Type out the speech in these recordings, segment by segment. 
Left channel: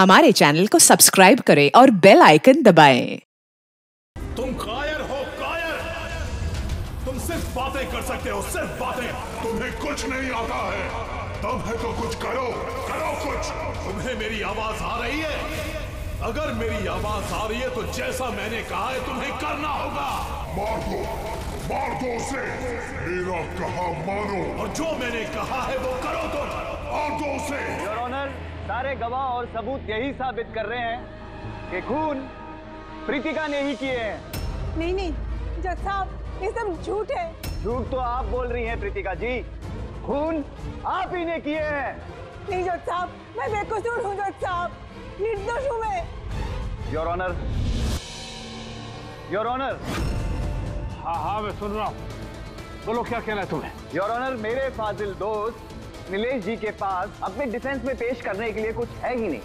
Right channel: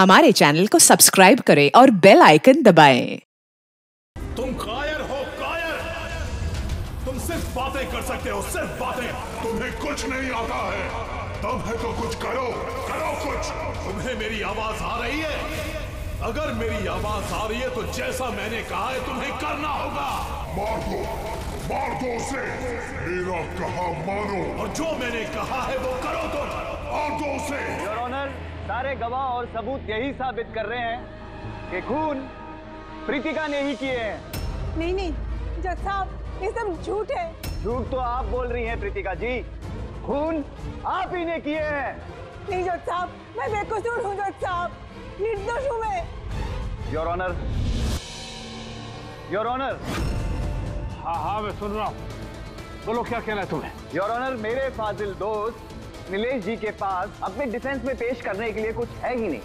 हमारे चैनल को सब्सक्राइब करें और बेल आइकन दबाएं। तुम कायर हो, कायर। तुम सिर्फ बातें कर सकते हो, सिर्फ बातें। तुम्हें कुछ नहीं आता है। तुम है तो कुछ करो, करो कुछ। तुम्हें मेरी आवाज आ रही है? अगर मेरी आवाज आ रही है तो जैसा मैंने कहा है तुम्हें करना होगा। मार दो उसे। मेरा कहा मानो और जो मैंने कहा है वो करो। तुम मार दो उसे। योर ऑनर, सारे गवाह और सबूत यही साबित कर रहे हैं कि खून प्रीतिका ने ही किए हैं। नहीं जज साहब, ये सब झूठ है। झूठ तो आप बोल रही हैं प्रीतिका जी, खून आप ही ने किए हैं। नहीं जज साहब, मैं बेकसूर हूँ जज साहब, निर्दोष हूँ मैं। Your honour, your honour. हाँ मैं सुन रहा हूँ, बोलो क्या कहना है तुम्हें। योर ऑनर, मेरे फाजिल दोस्त नीलेश जी के पास अपने डिफेंस में पेश करने के लिए कुछ है ही नहीं।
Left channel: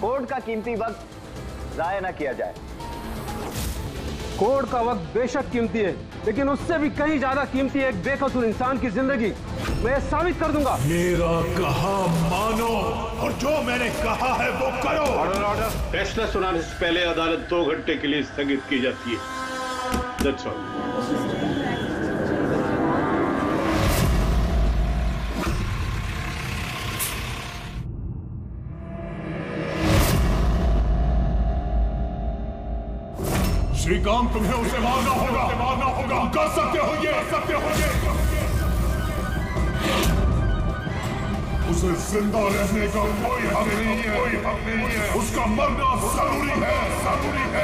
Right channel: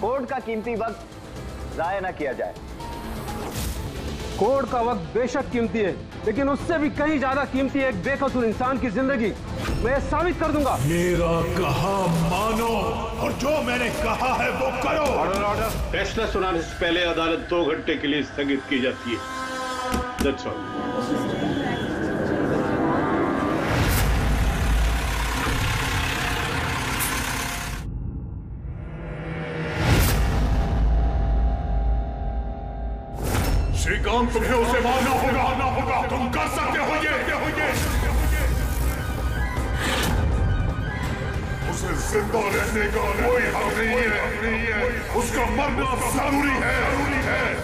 कोर्ट का कीमती वक्त जाया ना किया जाए। कोर्ट का वक्त बेशक कीमती है, लेकिन उससे भी कहीं ज्यादा कीमती है एक बेकसूर इंसान की जिंदगी। मैं ये साबित कर दूंगा। मेरा कहा मानो और जो मैंने कहा है वो करो। Order order. फैसला सुनाने से पहले अदालत 2 घंटे के लिए स्थगित की जाती है। That's all. श्रीकांत, तुम्हें उसे मारना होगा। तुम कर सकते हो ये। उसे जिंदा रहने का कोई हक नहीं है। उसका मरना जरूरी है।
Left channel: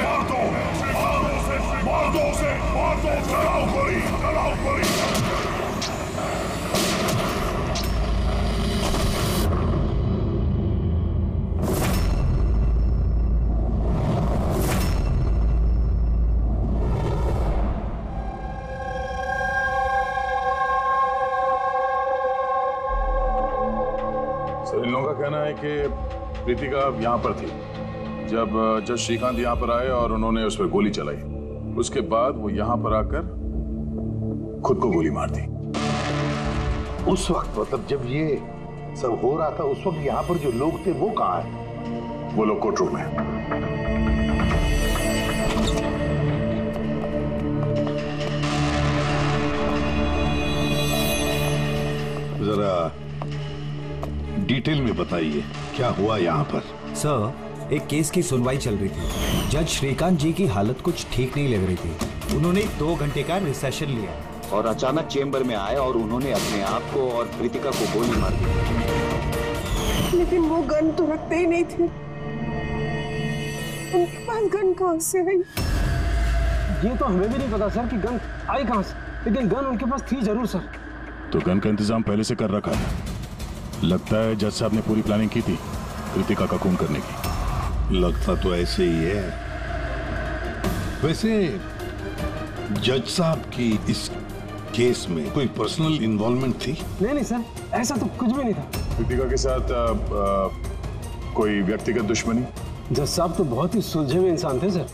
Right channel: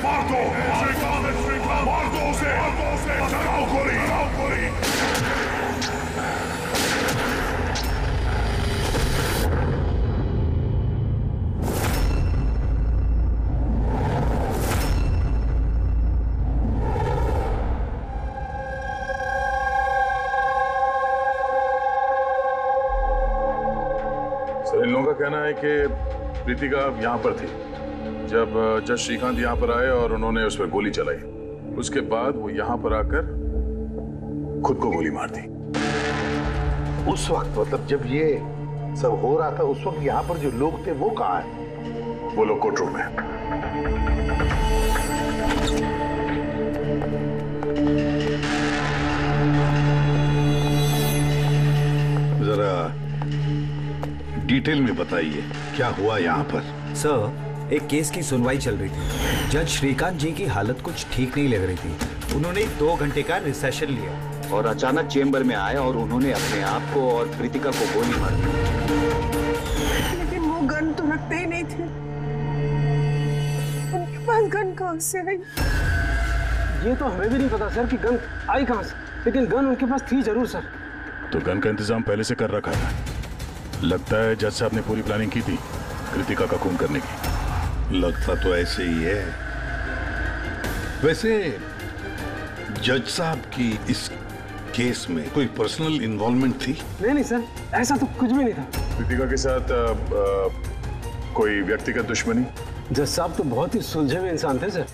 मार दो श्रीकांत, मार दो उसे। चलाओ गोली। इन लोगों का कहना है कि प्रीतिका यहाँ पर थी जब जज श्रीकांत यहाँ पर आए और उन्होंने उस पर गोली चलाई। उसके बाद वो यहाँ पर आकर खुद को गोली मार दी। उस वक्त मतलब जब ये सब हो रहा था, उस वक्त यहाँ पर जो लोग थे वो कहाँ हैं? वो लोग कोर्ट रूम में। जरा डिटेल में बताइए क्या हुआ यहाँ पर। सर, एक केस की सुनवाई चल रही थी। जज श्रीकांत जी की हालत कुछ ठीक नहीं लग रही थी। उन्होंने 2 घंटे का रिसेशन लिया और अचानक चेंबर में आए और उन्होंने अपने आप को और प्रीतिका को गोली मार दी। लेकिन वो गन तो रखते ही नहीं थे। उनके पास गन कहाँ से आई? ये तो हमें भी नहीं पता सर कि गन आई कहाँ से, लेकिन गन उनके पास थी जरूर सर। तो गन का इंतजाम पहले से कर रखा था। लगता है जज साहब ने पूरी प्लानिंग की थी कृतिका का खून करने की। लगता तो ऐसे ही है। वैसे जज साहब की इस केस में कोई पर्सनल इन्वॉल्वमेंट थी? नहीं सर, ऐसा तो कुछ भी नहीं था। कृतिका के साथ कोई व्यक्तिगत दुश्मनी? जज साहब तो बहुत ही सुलझे हुए इंसान थे सर।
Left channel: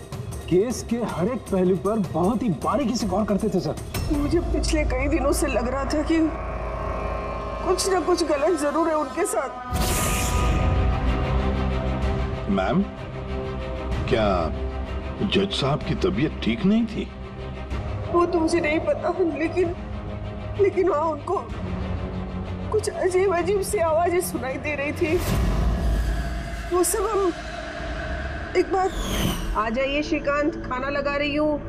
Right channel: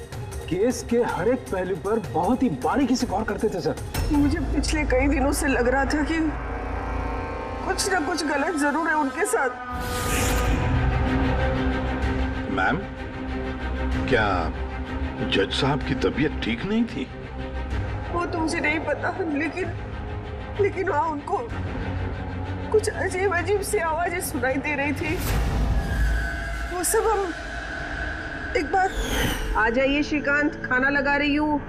केस के हर एक पहलू पर बहुत ही बारीकी से गौर करते थे सर। मुझे पिछले कई दिनों से लग रहा था कि कुछ ना कुछ गलत जरूर है उनके साथ। मैम, क्या जज साहब की तबीयत ठीक नहीं थी? वो तो मुझे नहीं पता, लेकिन वहाँ उनको कुछ अजीब सी आवाजें सुनाई दे रही थी। वो सब हम एक बार। आ जाइए श्रीकांत, खाना लगा रही हूँ।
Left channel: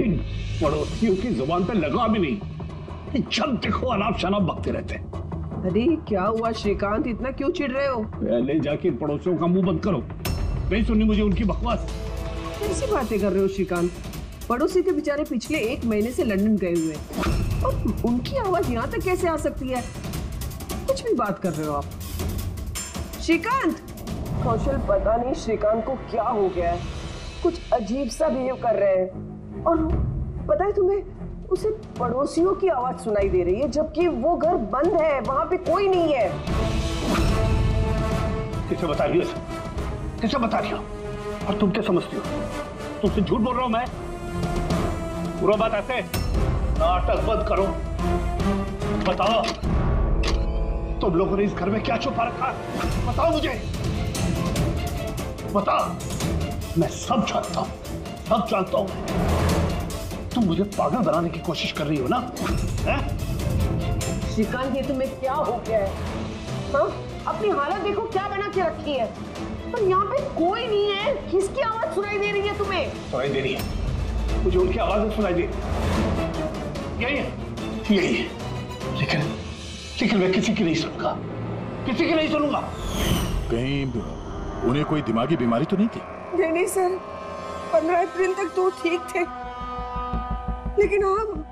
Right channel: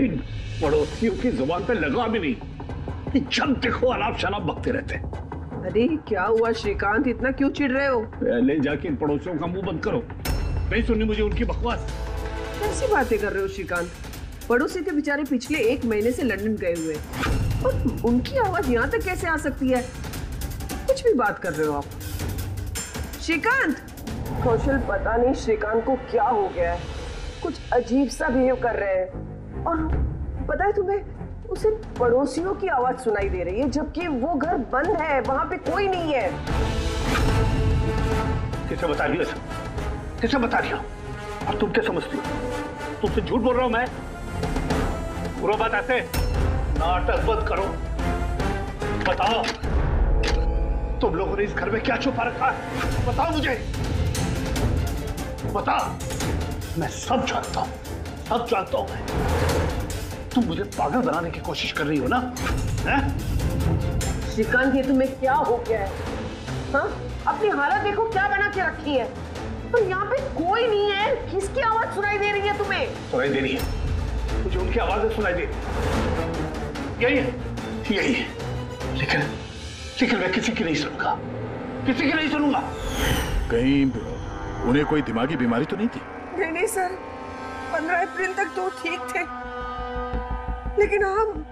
इन पड़ोसियों की जुबान पे लगा भी नहीं, जब देखो अनाप शनाप बकते रहते हैं। अरे क्या हुआ श्रीकांत, इतना क्यों चिढ़ रहे हो? पहले जाके इन पड़ोसियों का मुंह बंद करो, नहीं सुननी मुझे उनकी बकवास। कैसी बातें कर रहे हो श्रीकांत? पड़ोसी के बेचारे पिछले 1 महीने से लंदन गए हुए और उनकी आवाज यहाँ तक कैसे आ सकती है? कुछ भी बात कर रहे हो आप श्रीकांत। कौशल, पता नहीं श्रीकांत को क्या हो गया है, कुछ अजीब सा बिहेव कर रहे हैं। और पता है तुम्हें, उसे पड़ोसियों की आवाज सुनाई दे रही है जबकि वो घर बंद है, वहां पे कोई नहीं है। किसे बता रही हो? किसे बता रही हो? और तुम क्या समझती हो? तुमसे झूठ बोल रहा हूं मैं? पूरा बात ऐसे, नाटक बंद करो। बताओ, तुम लोगों ने इस घर में क्या छुपा रखा है? बताओ मुझे, बताओ। मैं सब जानता हूं, सब जानता हूं मैं। तुम मुझे पागल बनाने की कोशिश कर रही हो ना? हैं? श्रीकांत, ये तुम्हें क्या हो गया है? हाँ, अपनी हालत देखो क्या बना के रखी है। तो यहाँ पे कोई नहीं है, किसकी आवाज सुनाई दे रही है तुम्हें? सुनाई दे रही है मुझे, उनकी आवाजें सुनाई दे रही। यही है, यही है। लेकिन मैं किसी की नहीं सुनूंगा, किसी की नहीं सुनूंगा। कहीं उन्हें कोई दिमागी बीमारी तो नहीं थी? नहीं सर, 15 अप्रैल तक तो ठीक थे, लेकिन हम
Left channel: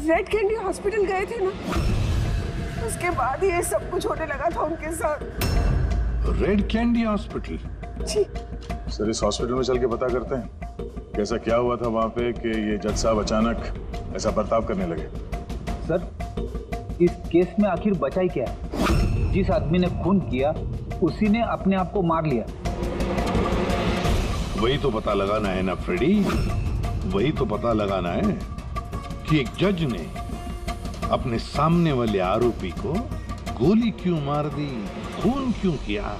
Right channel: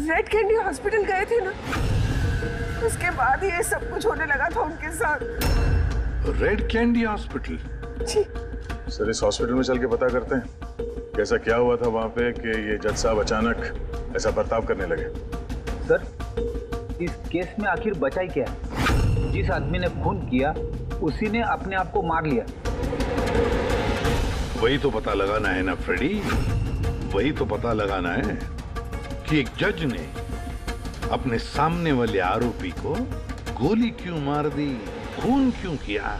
रेड कैंडी हॉस्पिटल गए थे ना, उसके बाद ये सब कुछ होने लगा था उनके साथ। Red candy hospital? जी सर, इस हॉस्पिटल में चल के पता करते हैं कैसा क्या हुआ था वहां पे कि ये जज साहब अचानक ऐसा बर्ताव करने लगे। सर, इस केस में आखिर बचा ही क्या है? जिस आदमी ने खून किया उसी ने अपने आप को मार लिया। वही तो पता लगाना है ना फ्रेडी, वही तो पता लगाना है कि एक जज ने अपने सामने वाले आरोपी को गोली क्यों मार दी, खून क्यों किया,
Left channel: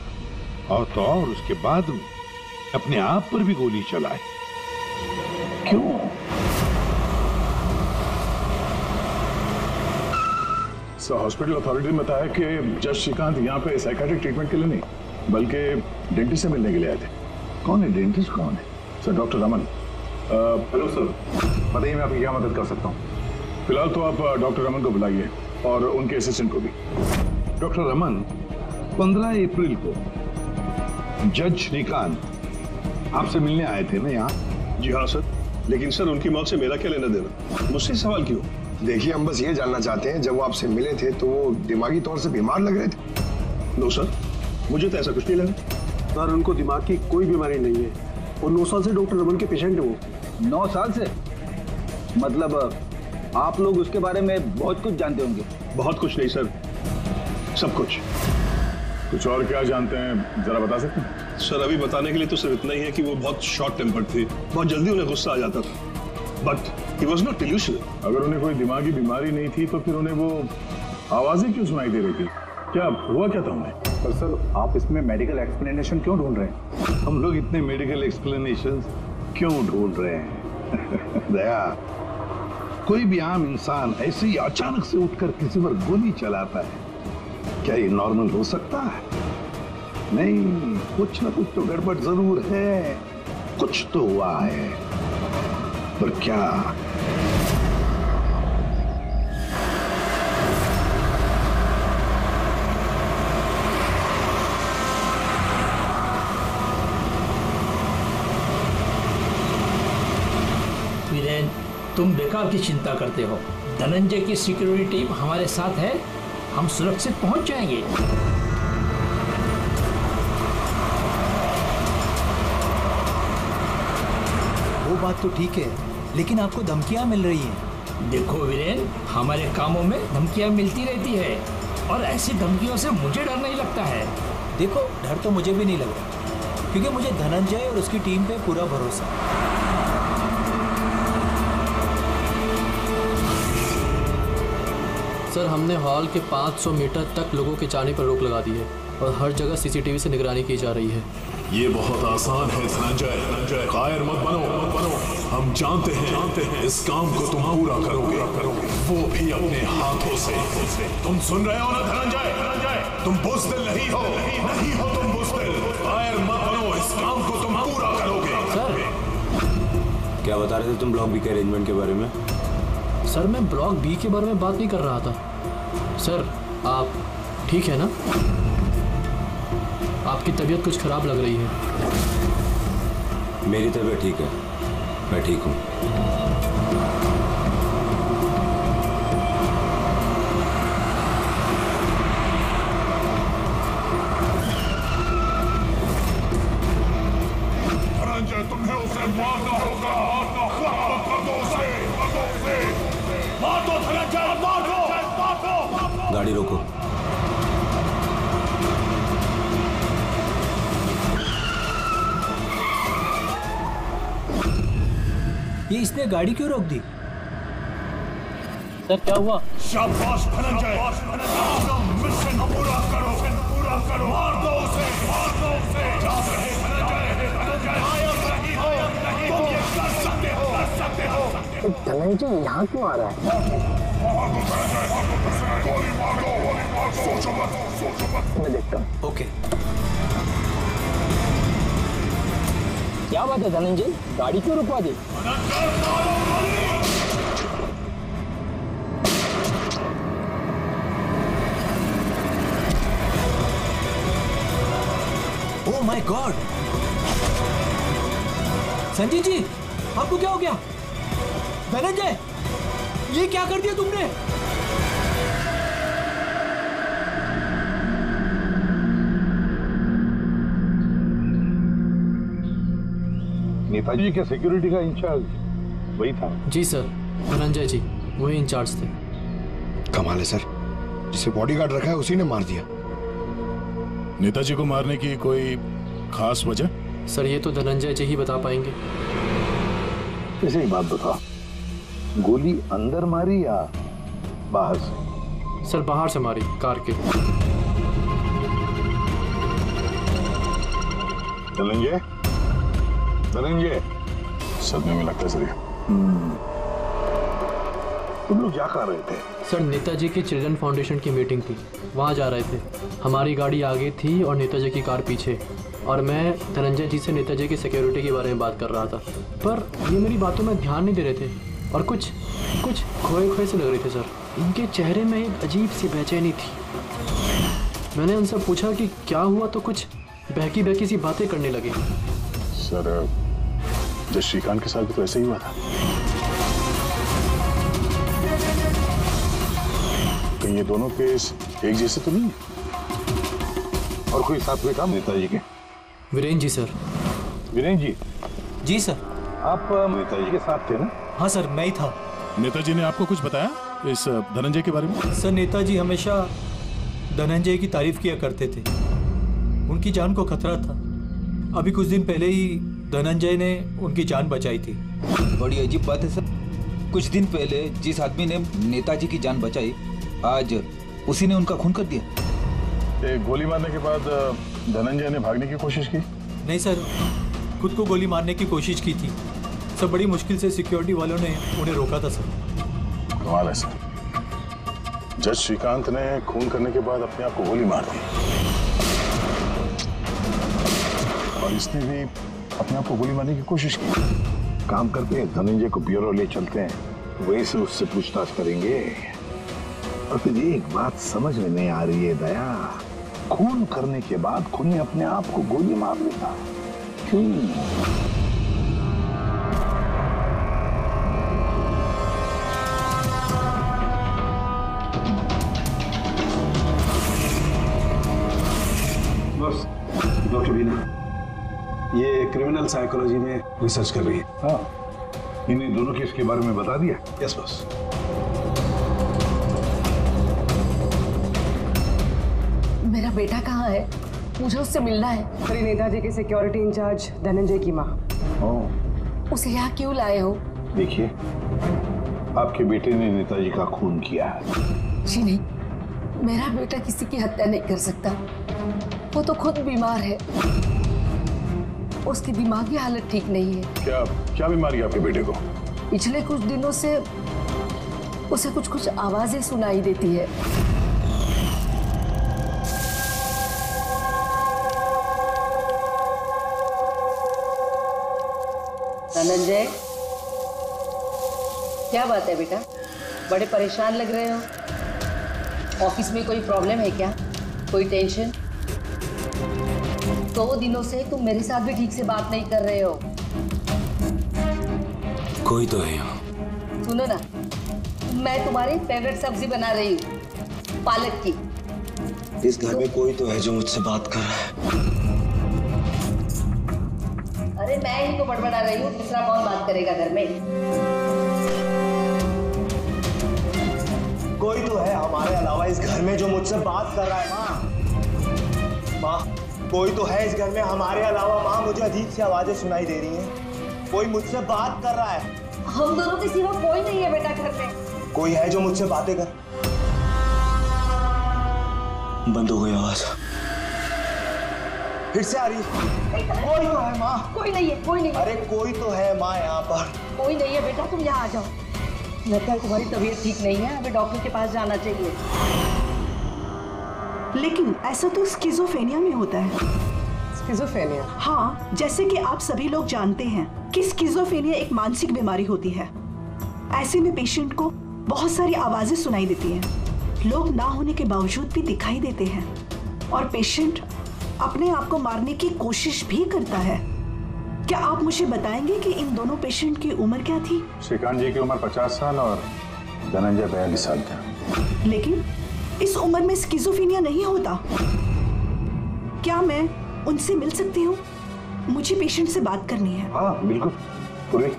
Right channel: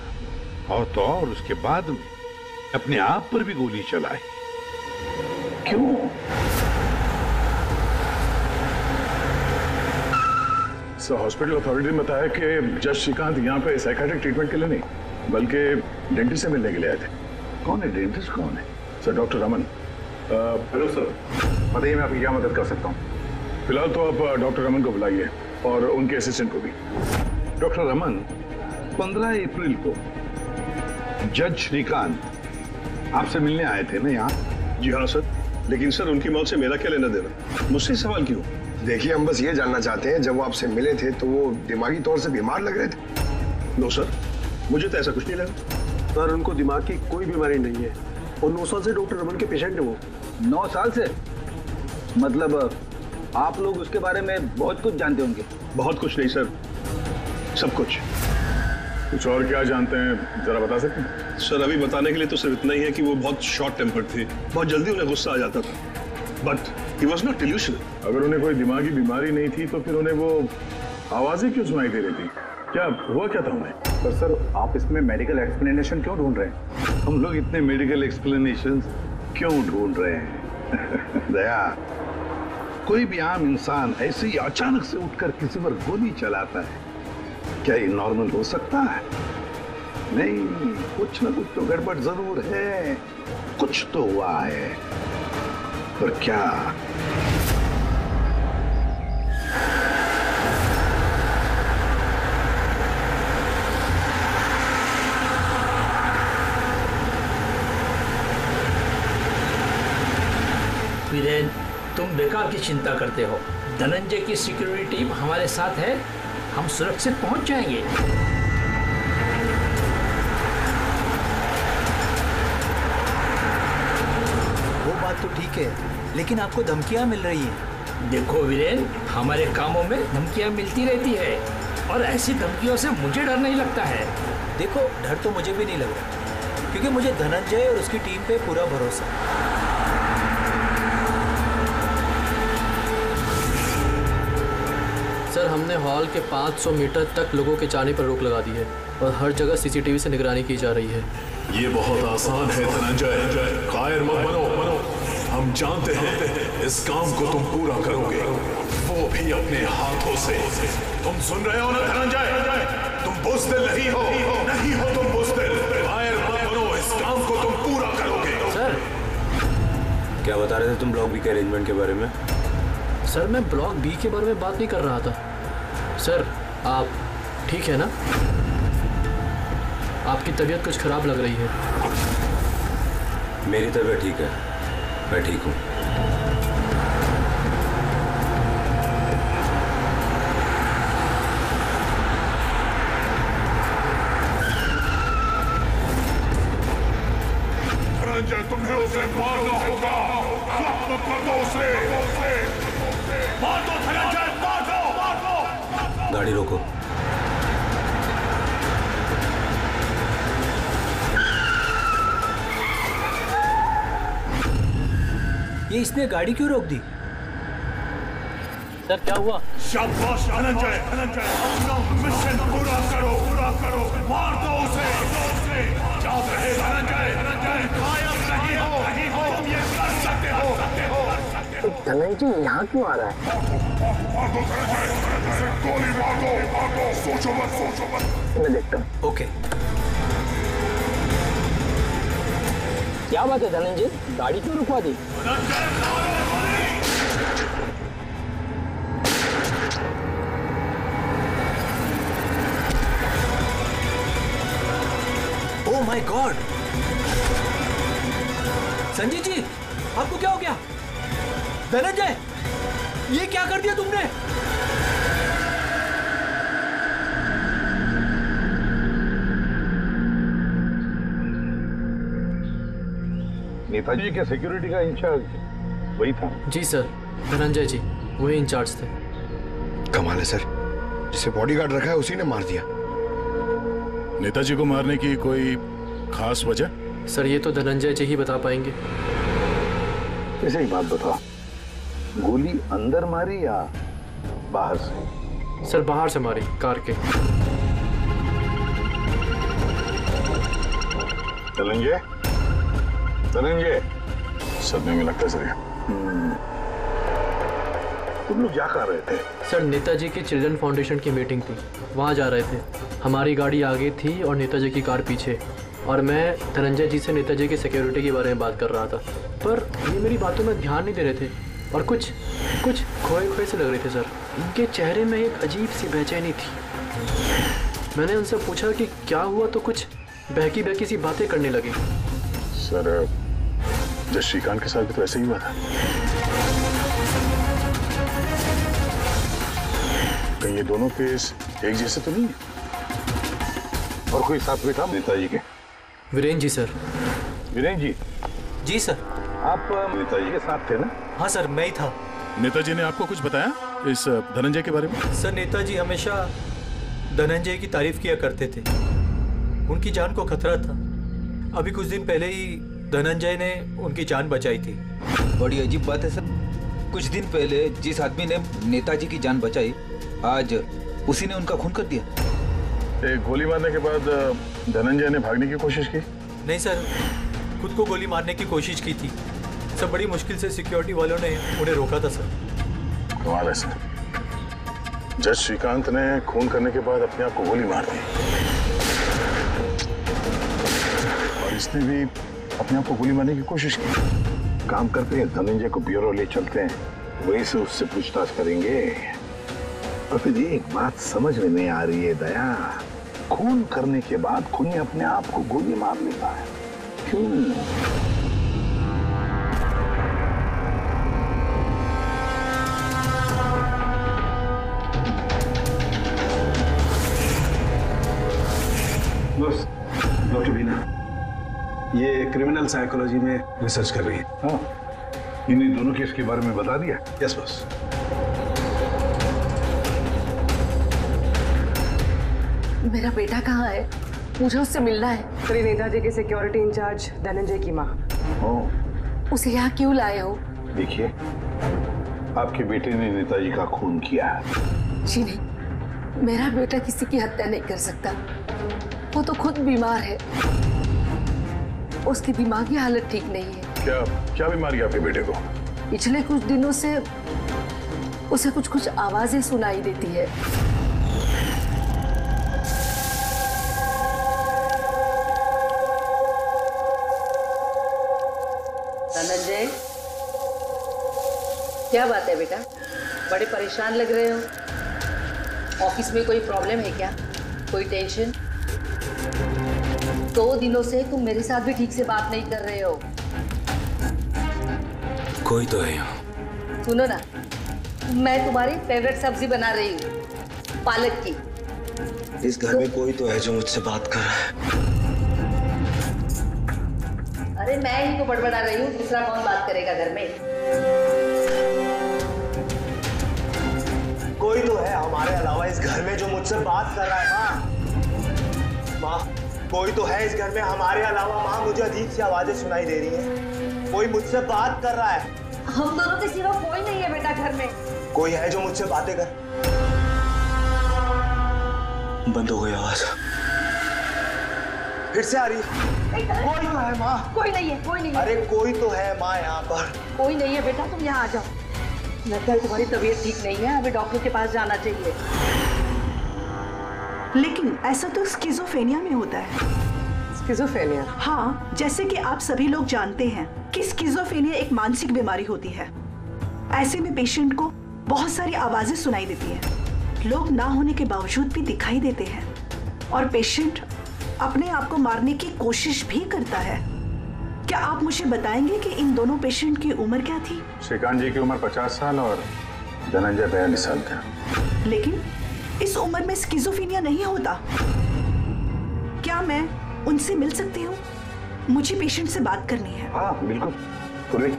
और तो और उसके बाद में अपने आप पर भी गोली चलाई। क्यों? सर, हॉस्पिटल अथॉरिटी ने बताया कि जज श्रीकांत यहाँ पे साइकियाट्रिक ट्रीटमेंट के लिए नहीं बल्कि डेंटिस्ट से मिलने के लिए आए थे। कौन है डेंटिस्ट? कौन है? Sir, doctor Raman. Hello sir, बताइए मैं आपकी क्या मदद कर सकता हूँ? फिलहाल तो आप डॉक्टर रमन को बुलाइए और उनके असिस्टेंट को भी। डॉक्टर रमन, 15 अप्रैल को जज श्रीकांत आपसे मिलने आए थे ना यहाँ? जी हाँ सर, लेकिन सर उनकी मौत से मेरा क्या लेना देना? मुझसे सवाल क्यों? देखिए, हम बस ये जानना चाहते हैं, जब वो आपसे मिले थे तो वो दिमागी तौर से बीमार लग रहे थे? नो सर, मुझे तो ऐसा कुछ नहीं लगा। सर, उनको दिमाग की कोई बीमारी नहीं है और 9 साल से डॉक्टर रमन के पेशेंट है वो। 9 साल से? मतलब आप लोग उसके बारे में बहुत कुछ जानते होंगे। बहुत कुछ नहीं सर, सब कुछ। कुछ और क्या जानते हैं, जरा बता सकते हैं? सर, अभी बताने के लिए तो सिर्फ इतना ही है कि वो बहुत शॉर्ट टेम्पर्ड थे, बहुत जल्दी उन्हें गुस्सा आ जाता था, but he was not delusional. अगर उन्हें कोई दिमागी बीमारी नहीं थी तो फिर उन्हें वो आवाजें क्यों सुनाई दे रही थी? क्या हुआ क्या था उन्हें? पर सर, आप इसमें मेडिकल एक्सप्लेनेशन क्यों ढूंढ रहे हैं? हम लोग इतने मेडिकल एक्सप्लेनेशन क्यों ढूंढ रहे हैं? दया, कोई भी आम इंसान ऐसे ही अचानक से उठकर किसी पर गोली चलाता है, क्या ये नॉर्मल हो सकता है? नहीं, कुछ ना कुछ तो गड़बड़ जरूर है, कुछ तो हुआ है, पर क्या? वीरेन, तुम बेकार की चिंता करते हो। धनंजय की सिक्योरिटी टीम हमारे साथ है, हम सुरक्षित पहुंच जाएंगे। वो बात तो ठीक है, लेकिन आपको धमकियां मिल रही हैं। देखो वीरेन, हमारे कामों में धमकियां मिलती रहती है और ऐसी धमकियों से मुझे डर नहीं लगता है। देखो, डर तो मुझे भी नहीं लग रहा, क्योंकि मुझे धनंजय और उसकी टीम पे पूरा भरोसा है। सर, हमने हॉल के 500 मीटर तक लोगों के जाने पर रोक लगा दी है और हर जगह सीसीटीवी से निगरानी की जा रही है। ये बहुत आसान है धनंजय, कायर मत बनो। हम जानते हैं इस काम को तुम पूरा करोगे, वो भी अपने हाथों से। तुम सुन रहे हो ना धनंजय? तुम बुज़दिल नहीं हो, नहीं हो तुम बुज़दिल। कायर मत बनो, इस काम को तुम पूरा करोगे। सर, क्या बता रहे थे तुम ब्लॉक बी के अरेंजमेंट के बारे में? सर, मैं ब्लॉक बी के बारे में बात नहीं कर रहा था। सर, आप ठीक है ना? आपकी तबीयत कुछ खराब लग रही है। मेरी तबीयत ठीक है, मैं ठीक हूँ। धनंजय, तुम्हें उसे मारना होगा। खत्म कर दो उसे, मार दो धनंजय, मार दो। गाड़ी रोको। ये इसने गाड़ी क्यों रोक दी? सर क्या हुआ? शाबाश धनंजय, अपना मिशन पूरा करो, मार दो उसे। याद रहे धनंजय, तुम कायम नहीं हो, तुम ये कर सकते हो। धनंजय यहाँ क्यों आ रहा है? मार दो धनंजय, उसे गोली मार दो, सोचो मत। मैं देखता हूँ। ओके। क्या बात है धनंजय, गाड़ी क्यों रुकवा दी? धनंजय मारो गोली। Oh my god! Sanjay ji, आपको क्या हो गया? धनंजय, ये क्या कर दिया तुमने? नेताजी के सिक्योरिटी का इंचार्ज वही था? जी सर, धनंजय जी वही इंचार्ज थे। कमाल है सर, जिसे बॉडीगार्ड रखा है उसी ने मार दिया। नेताजी को मारने की कोई खास वजह? सर ये तो धनंजय जी ही बता पाएंगे। ऐसे ही बात बताओ, गोली अंदर मारी या बाहर से? सर बाहर से मारी, कार के। धनंजय, धनंजय, सदमे में लगता जरिए। तुम लोग क्या कर रहे थे? सर नेताजी की चिल्ड्रन फाउंडेशन की मीटिंग थी, वहाँ जा रहे थे। हमारी गाड़ी आगे थी और नेताजी की कार पीछे, और मैं धनंजय जी से नेताजी की सिक्योरिटी के बारे में बात कर रहा था, पर ये मेरी बातों में ध्यान नहीं दे रहे थे और कुछ खोए खोए से लग रहे थे सर। इनके चेहरे में एक अजीब सी बेचैनी थी। मैंने उनसे पूछा कि क्या हुआ, तो कुछ बहकी बहकी सी बातें करने लगे। सर जब श्रीकांत के साथ भी तो ऐसे ही हुआ था। कहीं ये दोनों केस एक जैसे तो नहीं है? और कोई साथ में था नेताजी के? वीरेन जी सर। वीरेन जी? जी सर। आप नेताजी के साथ थे ना? हाँ सर, मैं ही था। नेताजी ने आपको कुछ बताया इस धनंजय के बारे में? सर नेताजी हमेशा धनंजय की तारीफ किया करते थे, उनकी जान को खतरा था। अभी कुछ दिन पहले ही धनंजय ने उनकी जान बचाई थी। बड़ी अजीब बात है सर, कुछ दिन पहले जिस आदमी ने नेताजी की जान बचाई, आज उसी ने उनका खून कर दिया। एक गोली मारने के बाद धनंजय ने भागने की कोशिश की? नहीं सर, खुद को गोली मारने की कोशिश की थी। सब बड़ी मुश्किल से सिक्योरिटी वालों ने उन्हें रोका था सर। कमाल है सर, जज श्रीकांत ने खून करने के बाद अपने आप को गोली मार दी, और इसने भी अपने आप को गोली मारने की कोशिश की। काम करते हैं, धनंजय को ब्यूरो ले चलते हैं, वहीं से उससे पूछताछ करेंगे। और फिर एक बात समझ में नहीं आ रही है दया, खून करने के बाद खूनी अपने आप को गोली मार लेता है, क्यों? बस डॉक्टर बीना ये क्रिमिनल साइकोलॉजी में रिसर्च कर रही है। हाँ, इन्हीं दोनों केस के बारे में बता दिया? Yes boss. मेरा बेटा कहाँ है? मुझे उससे मिलना है। श्री नेताजी के सिक्योरिटी इंचार्ज धनंजय की माँ। उसे यहाँ क्यों लाए हो? देखिए, आपके बेटे ने नेताजी का खून किया है। जी नहीं, मेरा बेटा किसी की हत्या नहीं कर सकता। वो तो खुद बीमार है, उसकी दिमागी हालत ठीक नहीं है। क्या बीमारी है आपके बेटे को? पिछले कुछ दिनों से उसे कुछ आवाजें सुनाई देती है। धनंजय, क्या बात है बेटा? बड़े परेशान लग रहे हो। ऑफिस में कोई प्रॉब्लम है क्या? कोई टेंशन? 2 दिनों से तुम मेरे साथ भी ठीक से बात नहीं कर रहे हो। कोई तो है यहाँ। सुनो ना, मैं तुम्हारी फेवरेट सब्जी बना रही हूँ, पालक की। इस घर में कोई तो है जो मुझसे बात कर रहा है। अरे मैं ही तो बड़बड़ा रही हूँ, दूसरा कौन बात करेगा घर में? कोई तो है हमारे अलावा इस घर में जो मुझसे बात कर रहा है। माँ, कोई तो है इस घर में हमारे अलावा। माँ, मुझे अजीब सी आवाजें सुनाई दे रही हैं, कोई मुझसे बात कर रहा है। हम दोनों के सिवा कोई नहीं है बेटा घर में। कोई है जो मुझसे बातें कर? बंद हो गई आवाज, फिर से आ रही है। कोई तो है माँ। कोई नहीं है, कोई नहीं है। अरे कोई तो है माँ यहाँ पर। कोई नहीं है बेटा, तुम यहाँ आ जाओ। लगता है तुम्हारी तबीयत ठीक नहीं है, अभी डॉक्टर के पास जाना चाहिए। लेकिन ऐसा तो स्किज़ोफ्रेनिया में होता है। स्किज़ोफ्रेनिया? हाँ, जैसे कि आप सभी लोग जानते हैं कि स्किज़ोफ्रेनिया एक मानसिक बीमारी होती है। ऐसे में पेशेंट को बहुत सारी आवाजें सुनाई देती हैं, लोग ना होने के बावजूद भी दिखाई देते हैं, और पेशेंट अपने आप को मारने की कोशिश भी करता है। क्या आप मुझे बताएंगे कि इन दोनों पेशेंट की उम्र क्या थी? श्रीकांत जी की उम्र 50 साल और धनंजय 42 साल का। लेकिन इस उम्र में स्किज़ोफ्रेनिया नहीं होता। क्या मैं उनसे मिल सकती हूँ? मुझे पेशेंट से बात करनी है। हाँ बिल्कुल पूर्वी।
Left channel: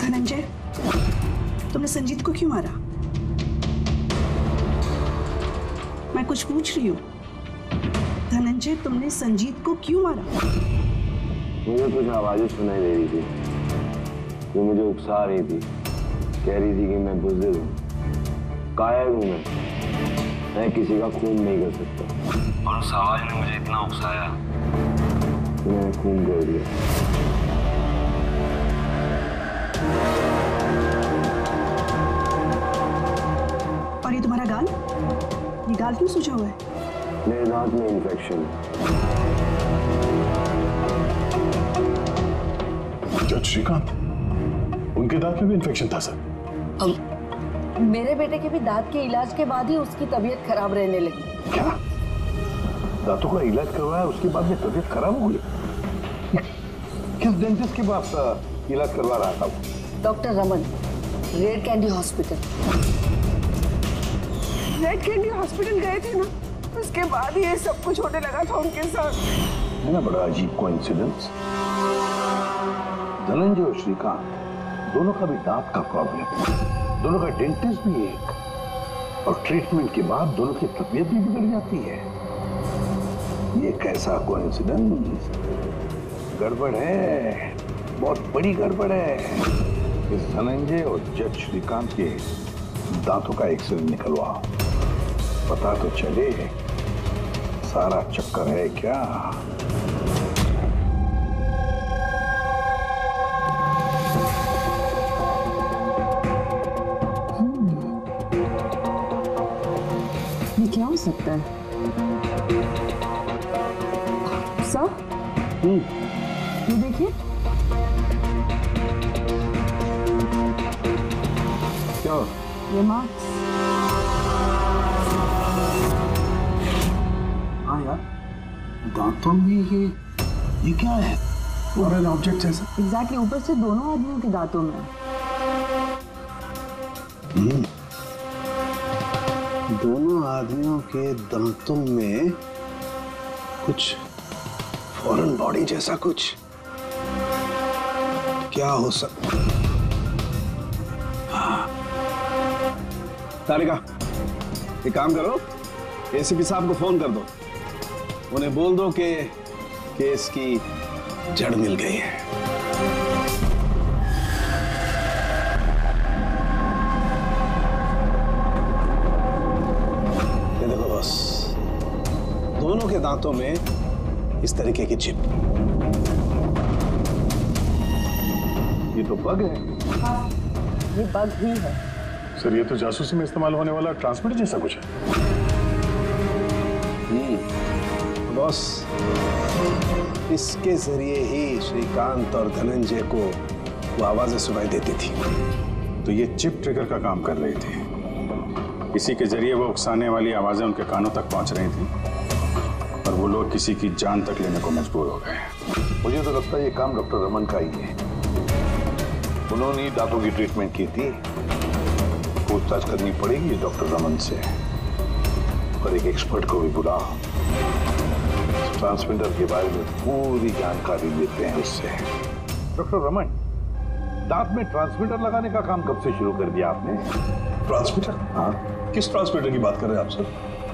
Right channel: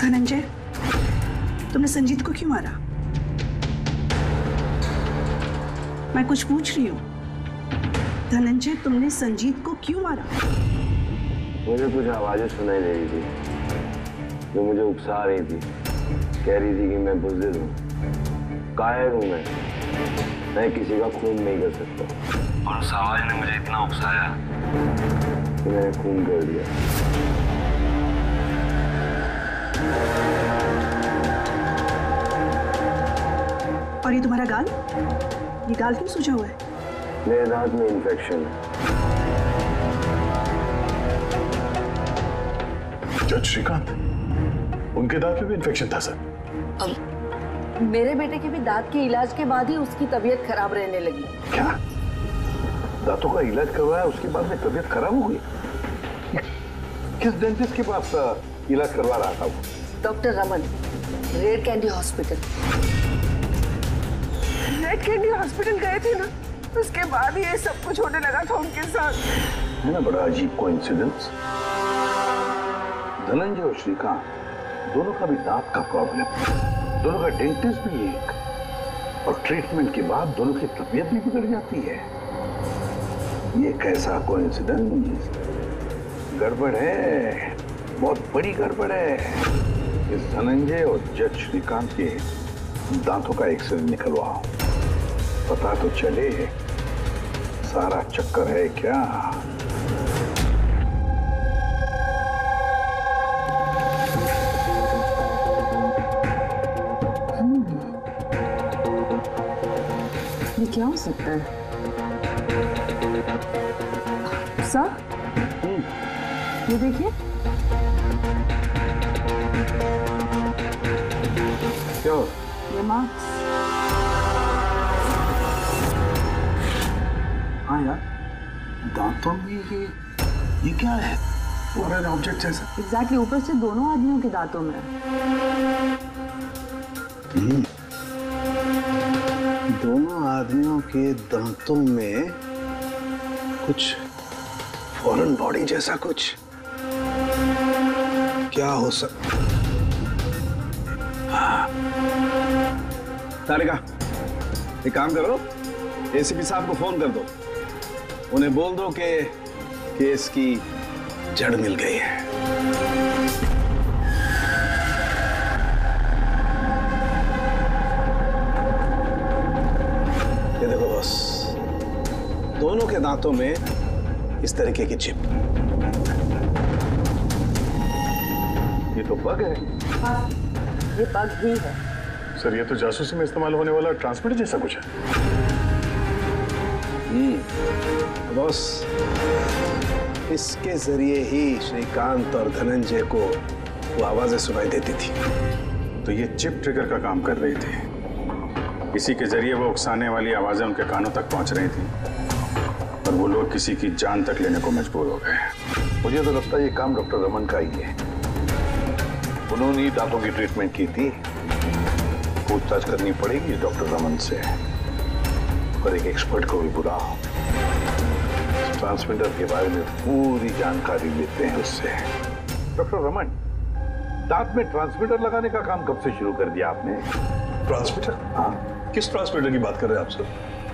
धनंजय, तुमने संजीत को क्यों मारा? मैं कुछ पूछ रही हूँ। धनंजय, तुमने संजीत को क्यों मारा? मुझे कुछ आवाजें सुनाई दे रही थी जो मुझे उकसा रही थी। कह रही थी कि मैं बुज़दिल हूँ, कायर हूँ, मैं किसी का खून नहीं कर सकता। और उस आवाज ने मुझे इतना उकसाया कि मैंने खून कर दिया। और ये तुम्हारा गाल? ये गाल क्यों सूजा हुआ है? मेरे दांत में इन्फेक्शन है। जज श्रीकांत, उनके दांत में भी इन्फेक्शन था सर? मेरे बेटे के भी दांत के इलाज के बाद ही उसकी तबीयत खराब रहने लगी। क्या? दांतों का इलाज करवाया उसके बाद में तबीयत खराब हो गई? किस डेंटिस्ट के पास इलाज करवा रहा था वो? Doctor Raman, red candy hospital. Red candy hospital गए थे ना, उसके बाद ही ये सब कुछ होने लगा था उनके साथ। है ना बड़ा अजीब कोइंसिडेंस। धनंजय और श्रीकांत दोनों का भी दांत का प्रॉब्लम, दोनों का डेंटिस्ट भी एक, और ट्रीटमेंट के बाद दोनों की तबीयत भी बिगड़ जाती है। ये कैसा कोइंसिडेंस? गड़बड़ है, बहुत बड़ी गड़बड़ है। इस धनंजय और जज श्रीकांत के दांतों का एक्सरे निकलवाओ, पता तो चले सारा चक्कर है क्या। ये क्या हो सकता है? सर, ये देखिए। क्या? ये मार्क्स। हाँ यार, दांतों में ये क्या है? फॉरेन ऑब्जेक्ट जैसा। एग्जैक्टली, ऊपर से दोनों आदमियों के दांतों में। दोनों आदमियों के दांतों में कुछ फॉरेन बॉडी जैसा कुछ। क्या हो सकता? तारिका, एक काम करो, एसीपी साहब को फोन कर दो, उन्हें बोल दो कि केस की जड़ मिल गई है। ये देखो बॉस, दोनों के दांतों में इस तरीके की चिप। ये तो बग है। हाँ, ये बग ही है। सर, ये तो जासूसी में इस्तेमाल होने वाला ट्रांसमीटर जैसा कुछ है। बॉस, इसके जरिए ही श्रीकांत और धनंजय को वो आवाजें सुनाई देती थी। तो ये चिप ट्रिगर का काम कर रही थी। इसी के जरिए वो उकसाने वाली आवाजें उनके कानों तक पहुंच रही थी और वो लोग किसी की जान तक लेने को मजबूर हो गए। मुझे तो लगता है ये काम डॉक्टर रमन का ही है। उन्होंने ही दांतों की ट्रीटमेंट की थी। पूछताछ करनी पड़ेगी डॉक्टर रमन से, और एक एक्सपर्ट को भी बुलाओ। ट्रांसमीटर के बारे में पूरी जानकारी लेते हैं उससे। डॉक्टर रमन, दांत में ट्रांसमीटर लगाने का काम कब से शुरू कर दिया आपने? ट्रांसमीटर? हाँ। किस ट्रांसमीटर की बात कर रहे हैं आप सर?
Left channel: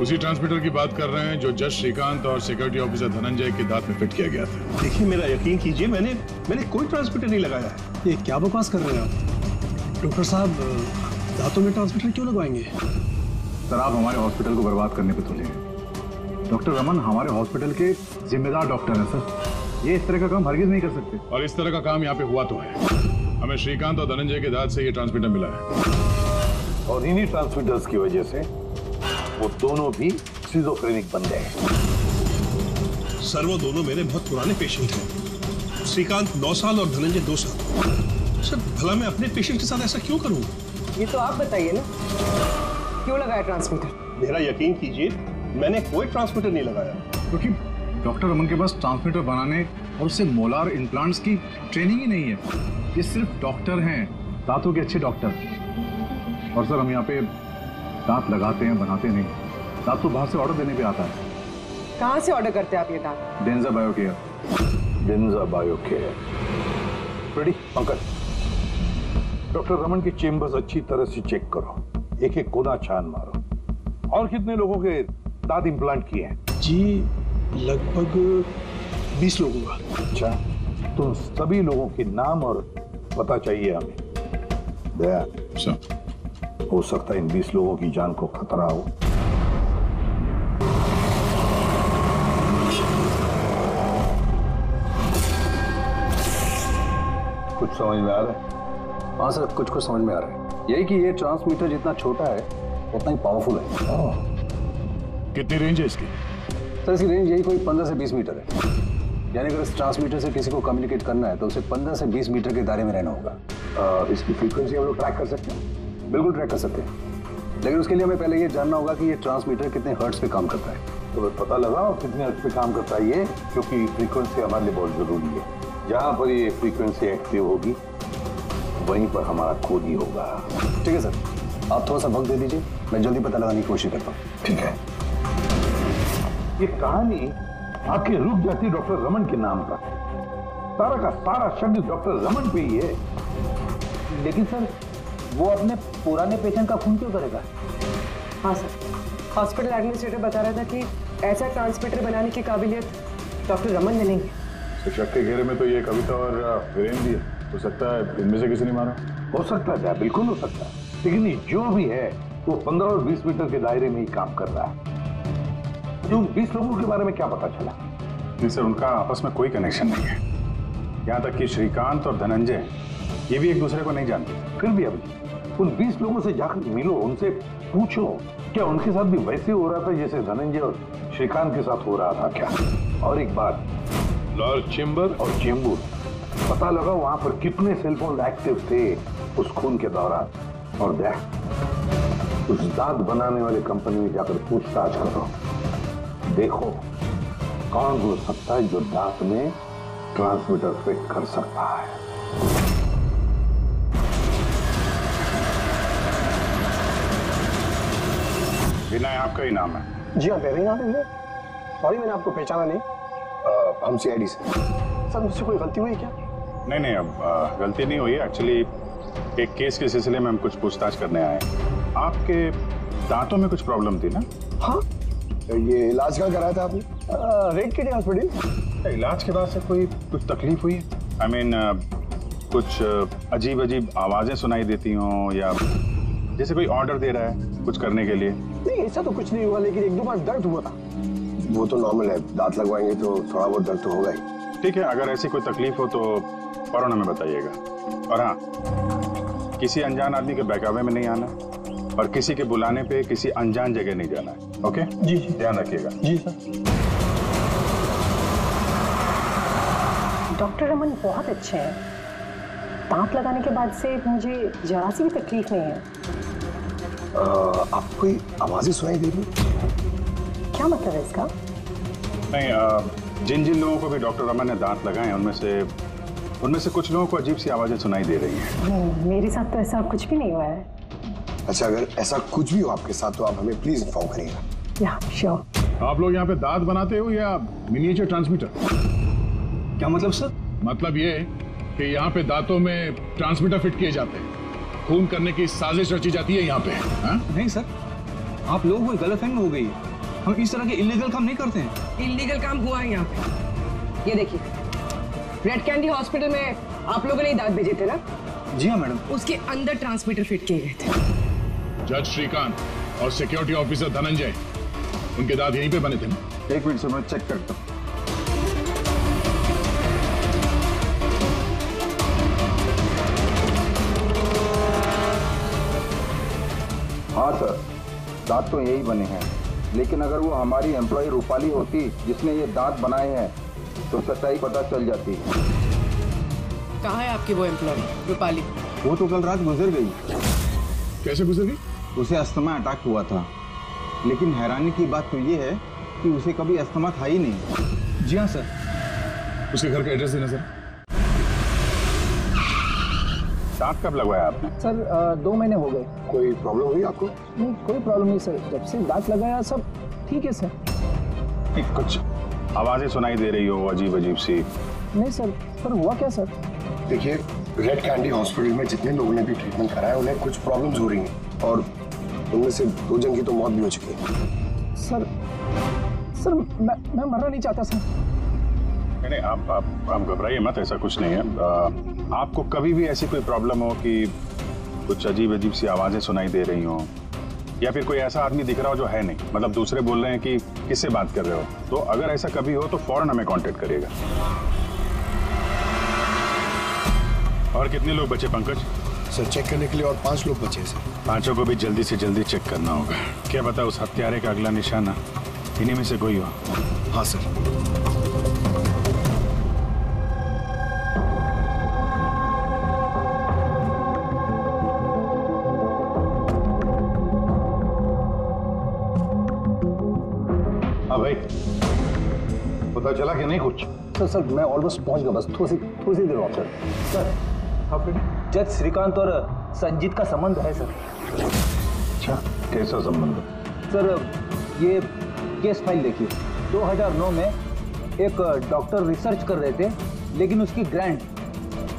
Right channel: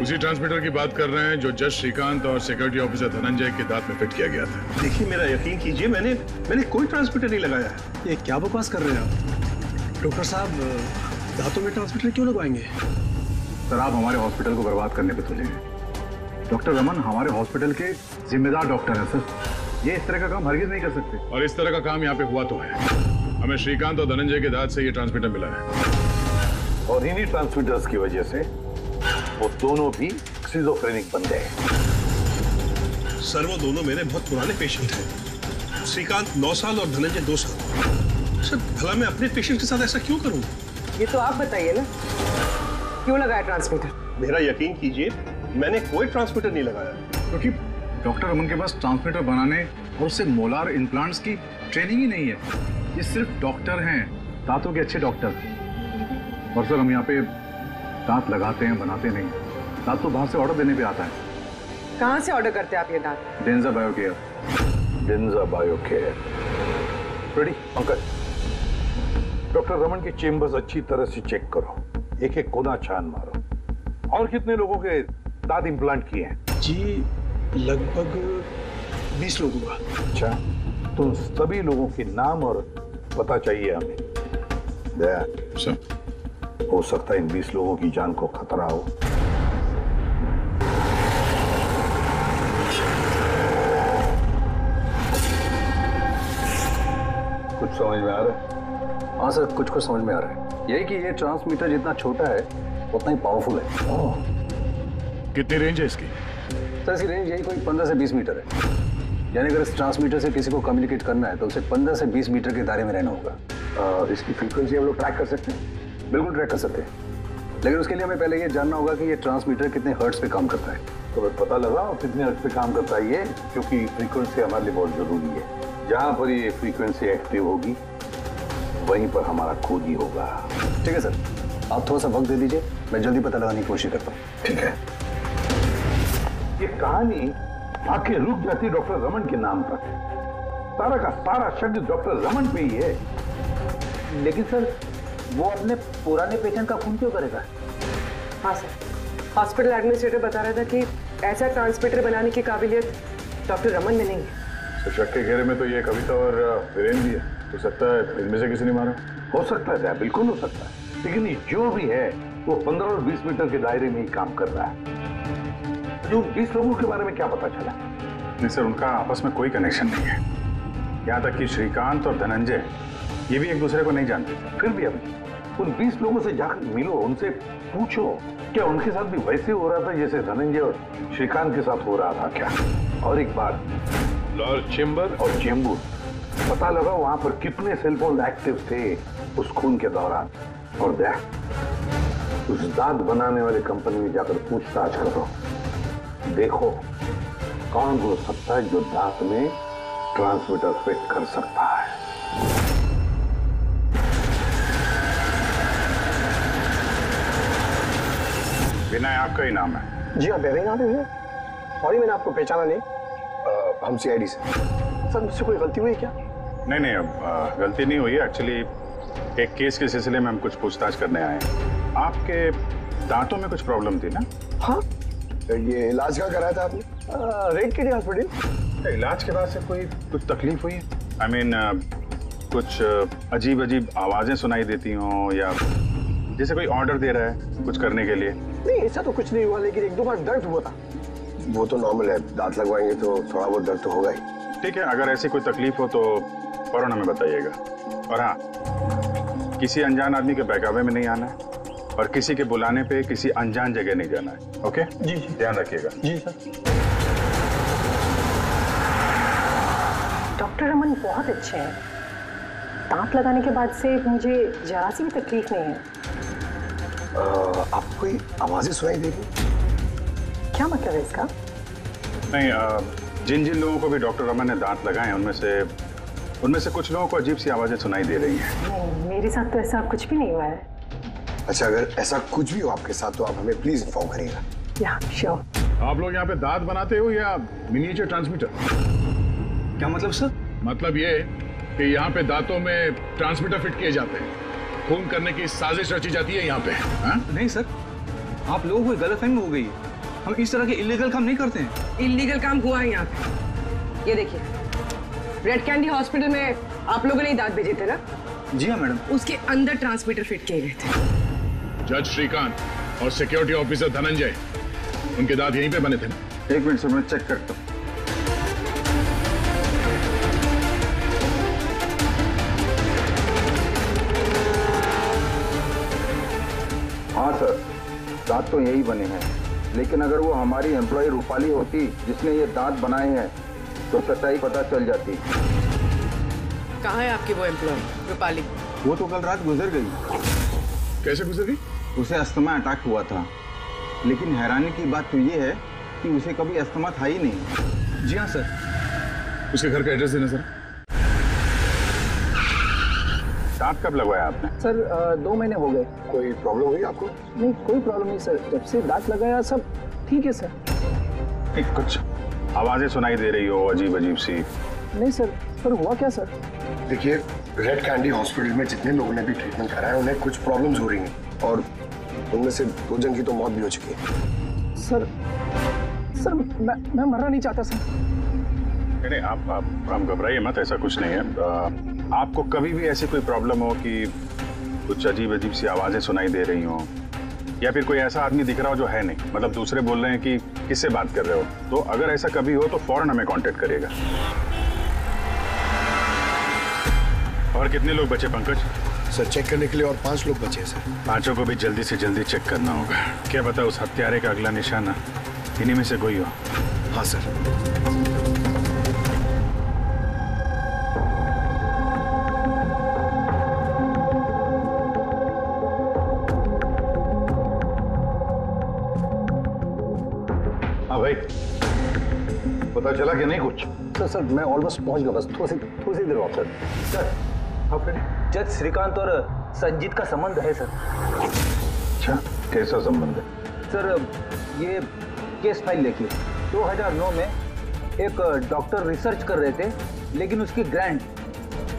उसी ट्रांसमीटर की बात कर रहे हैं जो जज श्रीकांत और सिक्योरिटी ऑफिसर धनंजय के दांत में फिट किया गया था। देखिए मेरा यकीन कीजिए, मैंने कोई ट्रांसमीटर नहीं लगाया है। ये क्या बकवास कर रहे हैं आप? डॉक्टर साहब दांतों में ट्रांसमीटर क्यों लगवाएंगे? सर आप हमारे हॉस्पिटल को बर्बाद करने पे तुले हैं। डॉक्टर रमन हमारे हॉस्पिटल के जिम्मेदार डॉक्टर हैं सर। ये इस तरह का काम हरगिज नहीं कर सकते। और इस तरह का काम यहाँ पे हुआ तो है। हमें श्रीकांत और धनंजय के दांत से ये ट्रांसमीटर मिला है और इन्हीं ट्रांसमीटर्स की वजह से वो दोनों भी स्किज़ोफ्रेनिक बन गए। सर वो दोनों मेरे बहुत पुराने पेशेंट हैं। श्रीकांत 9 साल और धनंजय 2 साल। सर भला मैं अपने पेशेंट के साथ ऐसा क्यों करूं? ये तो आप बताइए ना, क्यों लगाया ट्रांसमीटर? मेरा यकीन कीजिए, मैंने कोई ट्रांसमीटर नहीं लगाया। क्योंकि डॉक्टर रमन के पास ट्रांसमीटर बनाने और उससे मोलार इम्प्लांट्स की ट्रेनिंग ही नहीं है। ये सिर्फ डॉक्टर हैं, दांतों के अच्छे डॉक्टर। और सर हम यहाँ पे दांत लगाते हैं, बनाते नहीं। दांत तो बाहर से ऑर्डर देने पे आता है। कहाँ से ऑर्डर करते हैं आप ये दांत? डेंजा बायोकेयर। डेंजा बायोकेयर। रेडी पंकज, डॉक्टर रमन की चेम्बर्स अच्छी तरह से चेक करो, एक एक कोना छान मारो। और कितने लोगों के दांत इम्प्लांट किए हैं? जी लगभग 20 लोगों का। अच्छा, तुम सभी लोगों के नाम और पता चाहिए हमें। दया हो सकता है इन 20 लोगों की जान को खतरा हो। कुछ समझ में आ रहा है? हाँ सर, कुछ समझ में आ रहा है। यही कि ये ट्रांसमीटर जितना छोटा है उतना ही पावरफुल है। कितनी रेंज है इसकी? सर इसकी रेंज यही कोई 15 से 20 मीटर है। यानी अगर इस ट्रांसमीटर से किसी को कम्युनिकेट करना है तो उसे 15 से 20 मीटर के दायरे में रहना होगा। इसकी फ्रीक्वेंसी हम लोग ट्रैक कर सकते हैं? बिल्कुल ट्रैक कर सकते हैं, लेकिन उसके लिए हमें पहले ये जानना होगा कि ये ट्रांसमीटर कितने हर्ट्ज पे काम करता है। तो पता लगाओ कितने हर्ट्ज पे काम करता है ये, क्योंकि फ्रीक्वेंसी हमारे लिए बहुत जरूरी है। जहां पर ये फ्रीक्वेंसी एक्टिव होगी वहीं पर हमारा खोज ही होगा। ठीक है सर, आप थोड़ा सा वक्त दे दीजिए, मैं जल्दी पता लगाने की कोशिश करता हूँ। ठीक है। ये कहानी आके रुक जाती डॉक्टर रमन के नाम पर। सारा का सारा शक डॉक्टर रमन पे ही है। लेकिन सर वो अपने पुराने पेशेंट का खून क्यों करेगा? हाँ सर, हॉस्पिटल एडमिनिस्ट्रेटर बता रहा था कि ऐसा ट्रांसमीटर बनाने की काबिलियत डॉक्टर रमन में नहीं है। तो शक के घेरे में तो ये कविता और वीरेन भी है। हो सकता है इनमें से किसी ने मारा। हो सकता है, बिल्कुल हो सकता है, लेकिन ये जो भी है वो 15 और 20 मीटर के दायरे में ही काम कर रहा है। जो 20 लोगों के बारे में क्या पता चला? नहीं सर, उनका आपस में कोई कनेक्शन नहीं है। यहाँ तक कि श्रीकांत और धनंजय ये भी एक दूसरे को नहीं जानते। फिर भी अभी उन 20 लोगों से जाकर मिलो, उनसे पूछो क्या उनके साथ भी वैसे हो रहा था जैसे धनंजय और श्रीकांत के साथ हो रहा था क्या? और एक बात, लॉर्ड चेम्बर और चेंबूर पता लगा वहां पर कितने सेलफोन एक्टिव थे उस खून के दौरान। और देख उस दांत बनाने वाली कंपनी में जाकर पूछताछ करो, देखो कौन हो सकता है जो दांत में ट्रांसमीटर फिट कर सकता है। विनय आपका ही नाम है? जी हाँ, मेरा ही नाम है। सॉरी मैंने आपको पहचाना नहीं। हम सीआईडी से। सर मुझसे कोई गलती हुई क्या? नहीं, अब गलती नहीं हुई। एक्चुअली एक केस के सिलसिले में हम कुछ पूछताछ करने आए हैं। आपके दांतों में कुछ प्रॉब्लम थी ना? हाँ, ये इलाज कहाँ कराया था आपने? रेड किडी हॉस्पिटल। इलाज के बाद से कुछ तकलीफ हुई? आई मीन कुछ अजीब अजीब आवाजें सुनाई देती हों या जैसे कोई ऑर्डर दे रहा है कुछ करने के लिए? नहीं ऐसा तो कुछ नहीं हुआ, लेकिन 1-2 बार दर्द हुआ था। वो तो नॉर्मल है, दांत लगवाएंगे तो थोड़ा बहुत दर्द तो होगा ही। ठीक है, अगर ऐसी कोई तकलीफ हो तो फौरन हमें बताइएगा। और हाँ, किसी अनजान आदमी के बहकावे में नहीं आना है और किसी के बुलाने पे किसी अनजान जगह नहीं जाना है। ओके जी, ध्यान रखिएगा। जी सर। डॉक्टर रमन बहुत अच्छे हैं। दांत लगाने के बाद से मुझे जरा सी भी तकलीफ नहीं है। आपको कोई आवाजें सुनाई दे रही? क्या मतलब है इसका? नहीं, जिन जिन लोगों को भी डॉक्टर रमन ने दांत लगाए हैं उनमें से कुछ लोगों को अजीब सी आवाजें सुनाई दे रही हैं। नहीं, मेरे साथ तो ऐसा कुछ भी नहीं हुआ है। अच्छा, अगर ऐसा कुछ भी हो आपके साथ तो आप हमें प्लीज इन्फॉर्म करिएगा। या श्योर। आप लोग यहाँ पे दांत बनाते हो या मिनिएचर ट्रांसमीटर? क्या मतलब सर? मतलब ये कि यहाँ पे दांतों में ट्रांसमीटर फिट किए जाते हैं। खून करने की साजिश रची जाती है यहाँ पे। हाँ? नहीं सर, आप लोगों को गलतफहमी हो गई है। हम इस तरह के इलीगल काम नहीं करते हैं। इलीगल काम हुआ है यहाँ पे। ये देखिए, रेड कैंडी हॉस्पिटल में आप लोगों ने ही दांत भेजे थे ना? जी हाँ मैडम। उसके अंदर ट्रांसमीटर फिट किए गए थे। जज श्रीकांत और सिक्योरिटी ऑफिसर धनंजय, उनके दांत यहीं पे बने थे ना? एक मिनट सर, मैं चेक करता हूँ। हाँ सर, दांत तो यही बने हैं, लेकिन अगर वो हमारी एम्प्लॉय रूपाली होती जिसने ये दांत बनाए हैं तो सच्चाई पता चल जाती। कहाँ है आपकी वो एम्प्लॉय रूपाली? वो तो कल रात गुजर गई। कैसे गुजर गई? उसे अस्थमा अटैक हुआ था, लेकिन हैरानी की बात तो ये है कि उसे कभी अस्थमा था ही नहीं। जी हाँ सर। उसके घर का एड्रेस देना सर। दांत कब लगवाया आपने? सर 2 महीने हो गए। कोई प्रॉब्लम हुई आपको? नहीं, कोई प्रॉब्लम नहीं सर, जब से दांत लगाया सब ठीक है सर। कुछ आवाजें सुनाई दे रही हो अजीब अजीब सी? नहीं सर, पर हुआ क्या सर? देखिए, रेड कैंडी हॉस्पिटल में जितने लोगों ने भी ट्रीटमेंट कराया उन्हें कुछ प्रॉब्लम्स हो रही हैं और उनमें से 2 जन की तो मौत भी हो चुकी है। सर मैं मरना नहीं चाहता सर। नहीं, आप घबराइए मत, ऐसा कुछ नहीं है। आपको कभी भी ऐसी कोई प्रॉब्लम हो कि कुछ अजीब अजीब सी आवाजें सुनाई दे रही हो या फिर कोई ऐसा आदमी दिख रहा हो जो है नहीं, मतलब दूसरे बोल रहे हैं कि किससे बात कर रहे हो, तो अगर ऐसा कभी हो तो फौरन हमें कांटेक्ट करिएगा। और कितने लोग बचे पंकज? सर चेक करने के लिए और 5 लोग बचे हैं सर। 5 को भी जल्दी से जल्दी चेक करना होगा। क्या पता उस हत्यारे का अगला निशाना इन्हीं में से कोई हो। हाँ सर। हाँ भाई, पता चला कि नहीं कुछ? सर मैं ऑलमोस्ट पहुंच गया, बस थोड़ी सी देर और सर। सर जज श्रीकांत और संजीत का संबंध है सर। अच्छा, कैसा संबंध है? सर ये केस फाइल देखिए। 2009 में एक डॉक्टर रिसर्च कर रहे थे, लेकिन उसकी ग्रांट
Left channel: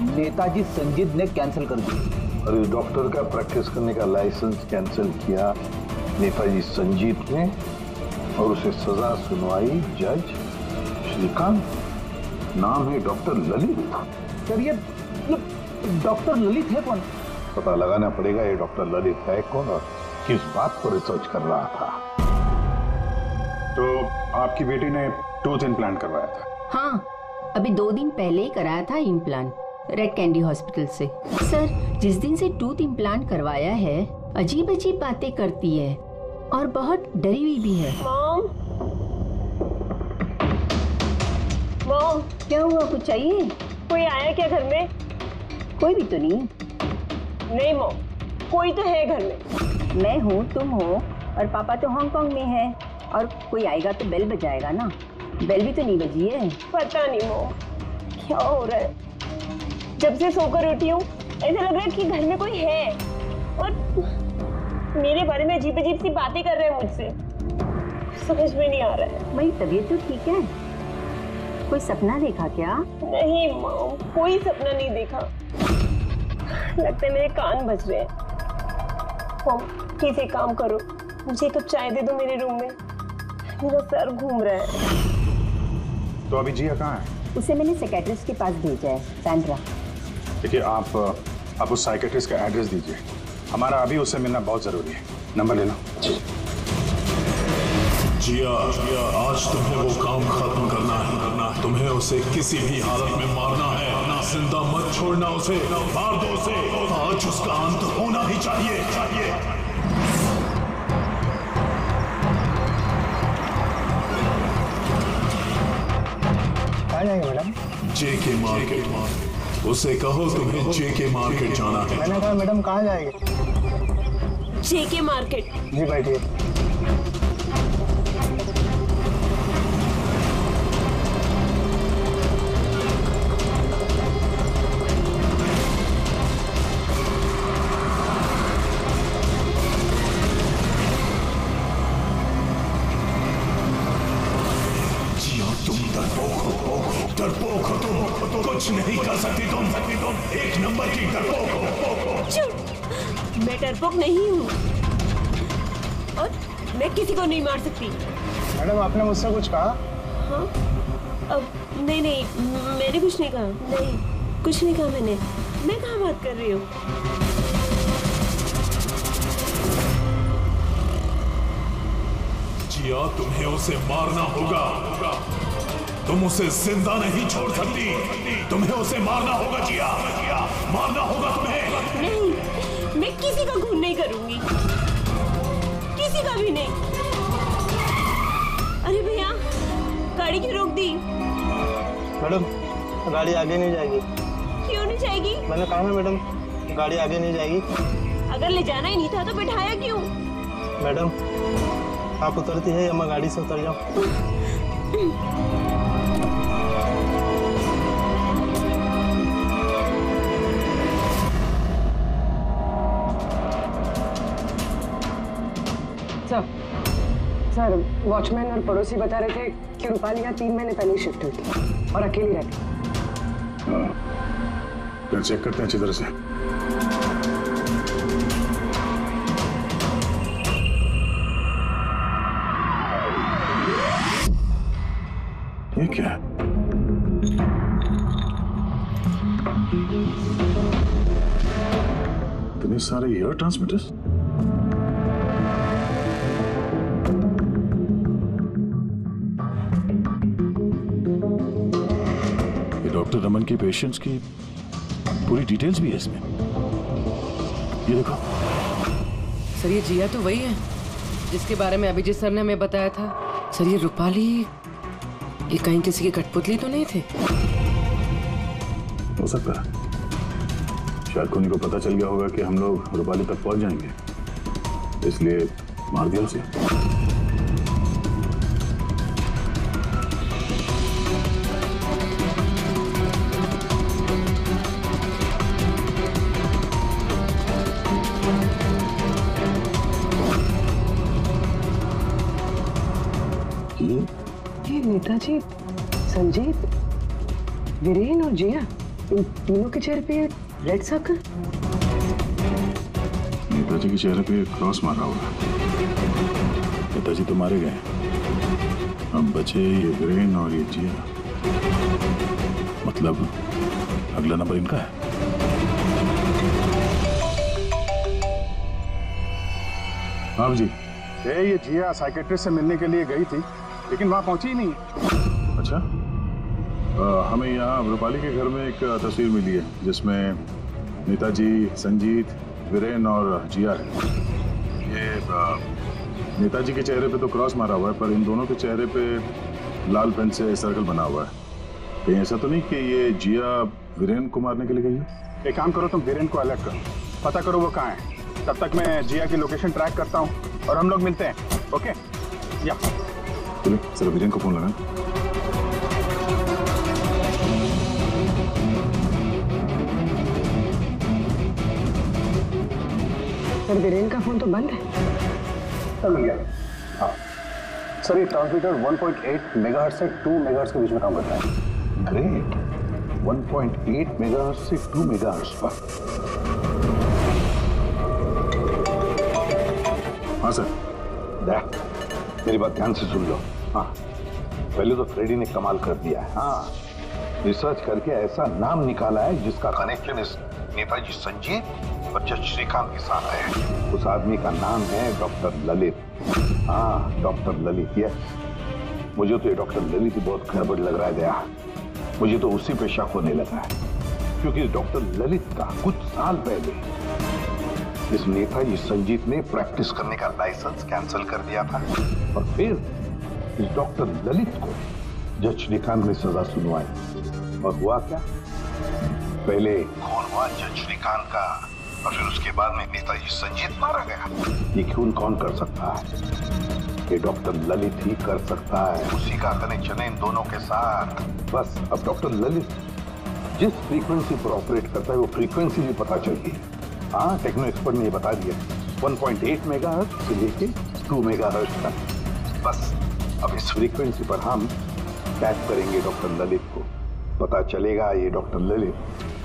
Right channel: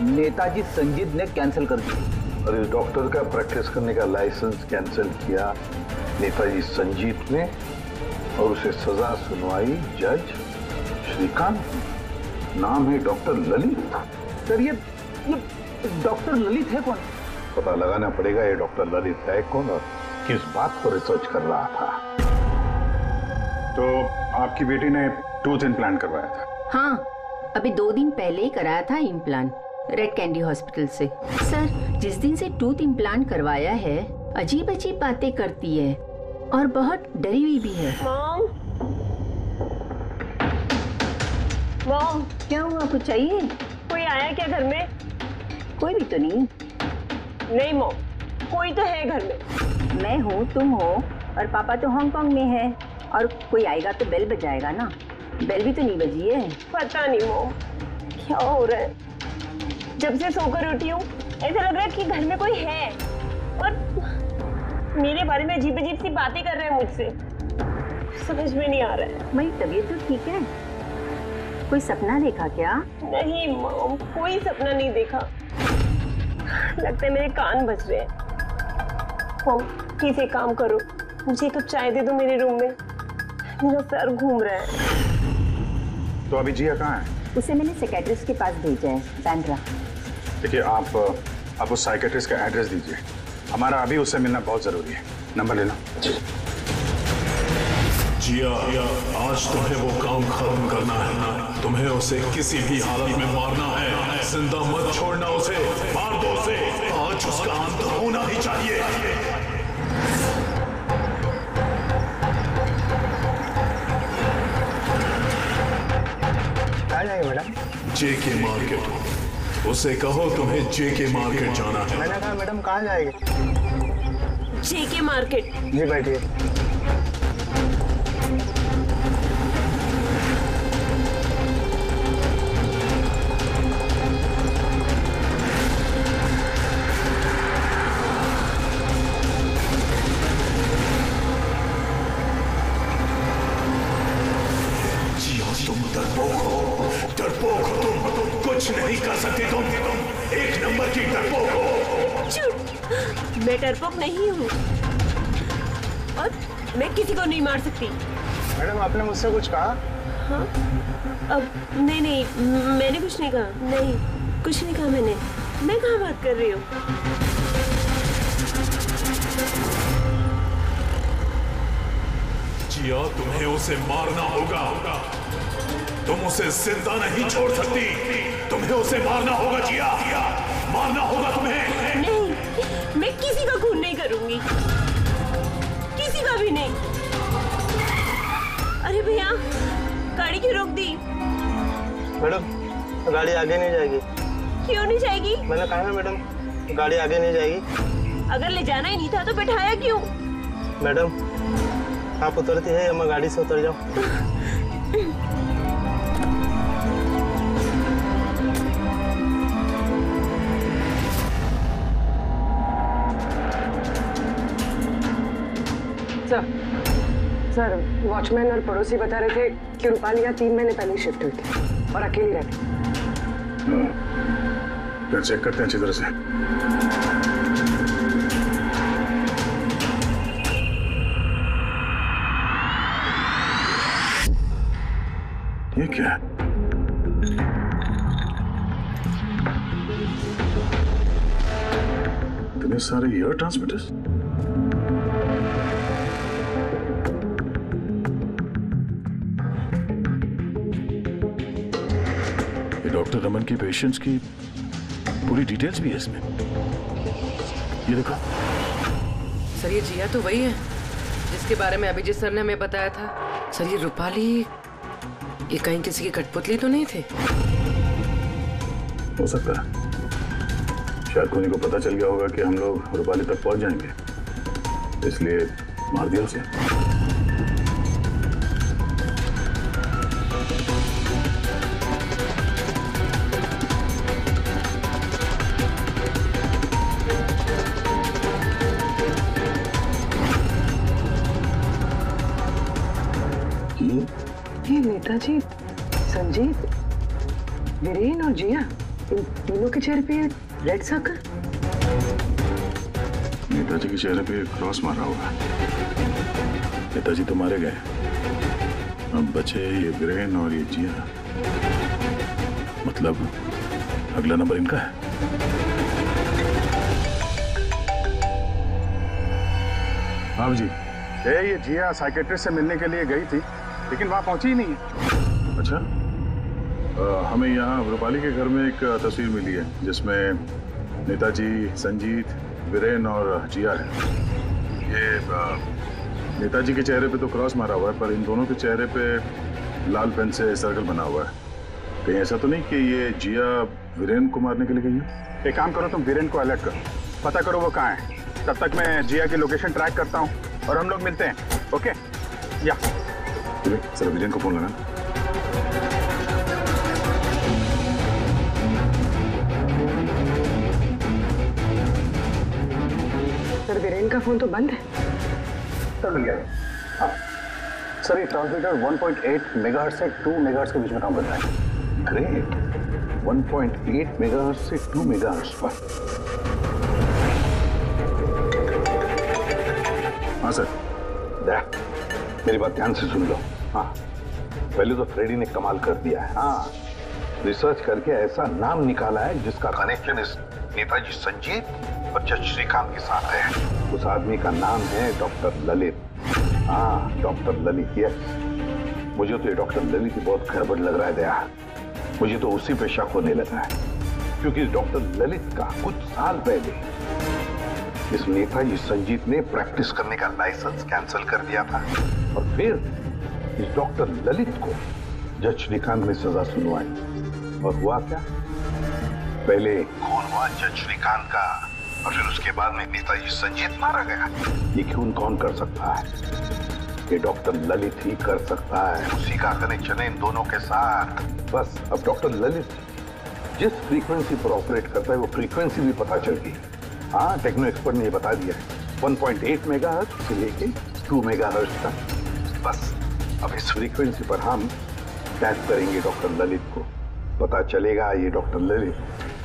नेताजी संजीत ने कैंसिल कर दी। और इस डॉक्टर का प्रैक्टिस करने का लाइसेंस कैंसिल किया नेताजी संजीत ने और उसे सजा सुनवाई जज श्रीकांत। नाम है डॉक्टर ललित। सर ये डॉक्टर ललित है कौन? पता लगाना पड़ेगा ये डॉक्टर ललित है कौन और किस बात पर रिसर्च कर रहा था। तो आपकी बेटी ने टूथ इम्प्लांट करवाया था? हाँ, अभी 2 दिन पहले ही कराया था इम्प्लांट रेड कैंडी हॉस्पिटल से। सर जिस दिन से टूथ इम्प्लांट करवाया है अजीब अजीब बातें करती है और बहुत डरी हुई भी है। मॉम क्या हुआ, कुछ चाहिए? कोई आया क्या घर में? कोई भी तो नहीं। नहीं मॉम, कोई तो है घर में। मैं हूँ, तुम हो और पापा तो हांगकांग में है, और कोई आएगा तो बेल बजाएगा ना। बेल भी तो नहीं बजी है। पता नहीं मॉम क्या हो रहा है, जब से सोकर उठी हूँ ऐसा लग रहा है कि घर में कोई है और मेरे बारे में अजीब अजीब सी बातें कर रहे हैं मुझसे। समझ में नहीं आ रहा है। मेरी तबीयत तो ठीक है। कोई सपना देखा क्या? नहीं मॉम, कोई सपना नहीं देखा। लगता है मेरे कान बज रहे हैं। मॉम प्लीज एक काम करो, मुझे 1 कप चाय दे दो मेरे रूम में, मेरा सर घूम रहा है। तो अभी जिया कहाँ है? उसे मैंने साइकियाट्रिस्ट के पास भेजा है, बैंड्रा। देखिए आप उस साइकियाट्रिस्ट का एड्रेस दीजिए, हमारा अभी उससे मिलना बहुत जरूरी है। नंबर लेना। जिया, आज तुम्हें वो काम खत्म करना है। तुम्हें उसे किसी भी हालत में मारना है। जिंदा मत छोड़ना उसे, मार दो उसे। आज उसका अंत होना ही चाहिए। कहाँ जाएंगे मैडम? जेके मार्केट। उसे कहो तुम्हें जेके मार्केट जाना है। मैंने कहा मैडम कहाँ जाएंगे? जेके मार्केट। जी बैठिए। तुम डरपोक हो तुम, कुछ नहीं कर सकती तुम, 1 नंबर की डरपोक हो। झूठ, मैं डरपोक नहीं हूँ। और मैं किसी को नहीं मार सकती। मैडम आपने मुझसे कुछ कहा? हाँ अब नहीं, मैंने कुछ नहीं कहा। नहीं, कुछ नहीं कहा मैंने। मैं कहाँ बात कर रही हूँ? जिया, तुम्हें उसे मारना होगा। तुम उसे जिंदा नहीं छोड़ सकती। तुम्हें उसे मारना होगा जिया, मारना होगा तुम्हें। नहीं, मैं किसी का खून नहीं करूंगी, किसी का भी नहीं। अरे भैया, गाड़ी क्यों रोक दी? मैडम गाड़ी आगे नहीं जाएगी। क्यों नहीं जाएगी? मैंने कहा ना मैडम, गाड़ी आगे नहीं जाएगी। अगर ले जाना ही नहीं था तो बैठाया क्यों? मैडम आप उतरती है या मैं गाड़ी से उतर जाऊं? सर, वॉचमैन और पड़ोसी बता रहे थे कि रूपाली यहाँ 3 महीने पहले ही शिफ्ट हुई थी और अकेली रहती। फिर चेक करते हैं अच्छी तरह से। ये क्या है? इतने सारे एयर ट्रांसमिटर्स। ये डॉक्टर रमन की पेशेंट्स की पूरी डिटेल्स भी है इसमें। ये देखो। सर ये जिया तो वही है जिसके बारे में अभिजीत सर ने हमें बताया था। सर ये रूपाली, ये कहीं किसी की कठपुतली तो नहीं थे? हो सकता है, शायद कोनी को पता चल गया होगा कि हम लोग रूपाली तक पहुंच जाएंगे, इसलिए मार दिया उसे। ये नेताजी, संजीत, वीरेन और जिया, इन तीनों के चेहरे पे रेड सर्कल। नेताजी के चेहरे पे क्रॉस मारा हुआ। नेताजी तो मारे गए, अब बचे ये वीरेन और ये जिया। मतलब अगला नंबर इनका है। हाँ जी, ये जिया साइकेट्रिस्ट से मिलने के लिए गई थी, लेकिन वहां पहुंची ही नहीं है। अच्छा, हमें यहाँ रूपाली के घर में एक तस्वीर मिली है जिसमें नेताजी, संजीत, वीरेन और जिया है। ये नेताजी के चेहरे पे तो क्रॉस मारा हुआ है, पर इन दोनों के चेहरे पे लाल पेन से सर्कल बना हुआ है। कहीं ऐसा तो नहीं कि ये जिया वीरेन को मारने के लिए गई है? एक काम करो, तुम वीरेन को अलर्ट करो, पता करो वो कहाँ है। तब तक मैं जिया की लोकेशन ट्रैक करता हूँ और हम लोग मिलते हैं। ओके? या सर, वीरेन को फोन लगाना। सर वीरेन का फोन तो बंद है। सर मिल गया। हाँ सर, ये ट्रांसमीटर 1.8 मेगाहर्ट्ज से 2 मेगाहर्ट्ज के बीच में काम करता है। ग्रेट, 1.8 मेगाहर्ट्ज से 2 मेगाहर्ट्ज पर। हाँ सर। मेरी बात ध्यान से सुन लो। हाँ, पहले तो फ्रेडी ने कमाल कर दिया है। हाँ, रिसर्च करके ऐसा नाम निकाला है जिसका कनेक्शन इस नेताजी संजीत और जज श्रीकांत के साथ है। उस आदमी का नाम है डॉक्टर ललित। हाँ, डॉक्टर ललित। यस, मुझे तो ये डॉक्टर ललित ही बहुत गड़बड़ लग रहा है दया। मुझे तो उसी पे शक होने लगा है, क्योंकि डॉक्टर ललित का कुछ साल पहले इस नेताजी संजीत ने प्रैक्टिस करने का लाइसेंस कैंसिल कर दिया था, और फिर इस डॉक्टर ललित को जज श्रीकांत ने सजा सुनवाई। और हुआ क्या? पहले खून हुआ जज श्रीकांत का, और फिर उसके बाद में नेताजी संजीत मारा गया। ये खून कौन कर सकता है? ये डॉक्टर ललित ही कर सकता है। उसी का कनेक्शन है इन दोनों के साथ। बस अब डॉक्टर ललित जिस फ्रीक्वेंसी पर ऑपरेट करता है वो फ्रीक्वेंसी भी पता चल गई। हाँ, टेक्नो एक्सपर्ट ने ये बता दिया है, 1.8 मेगाहर्ट्ज से लेके 2 मेगाहर्ट्ज तक। बस अब इस फ्रीक्वेंसी पर हम टैप करेंगे डॉक्टर ललित को, पता चलेगा ये डॉक्टर ललित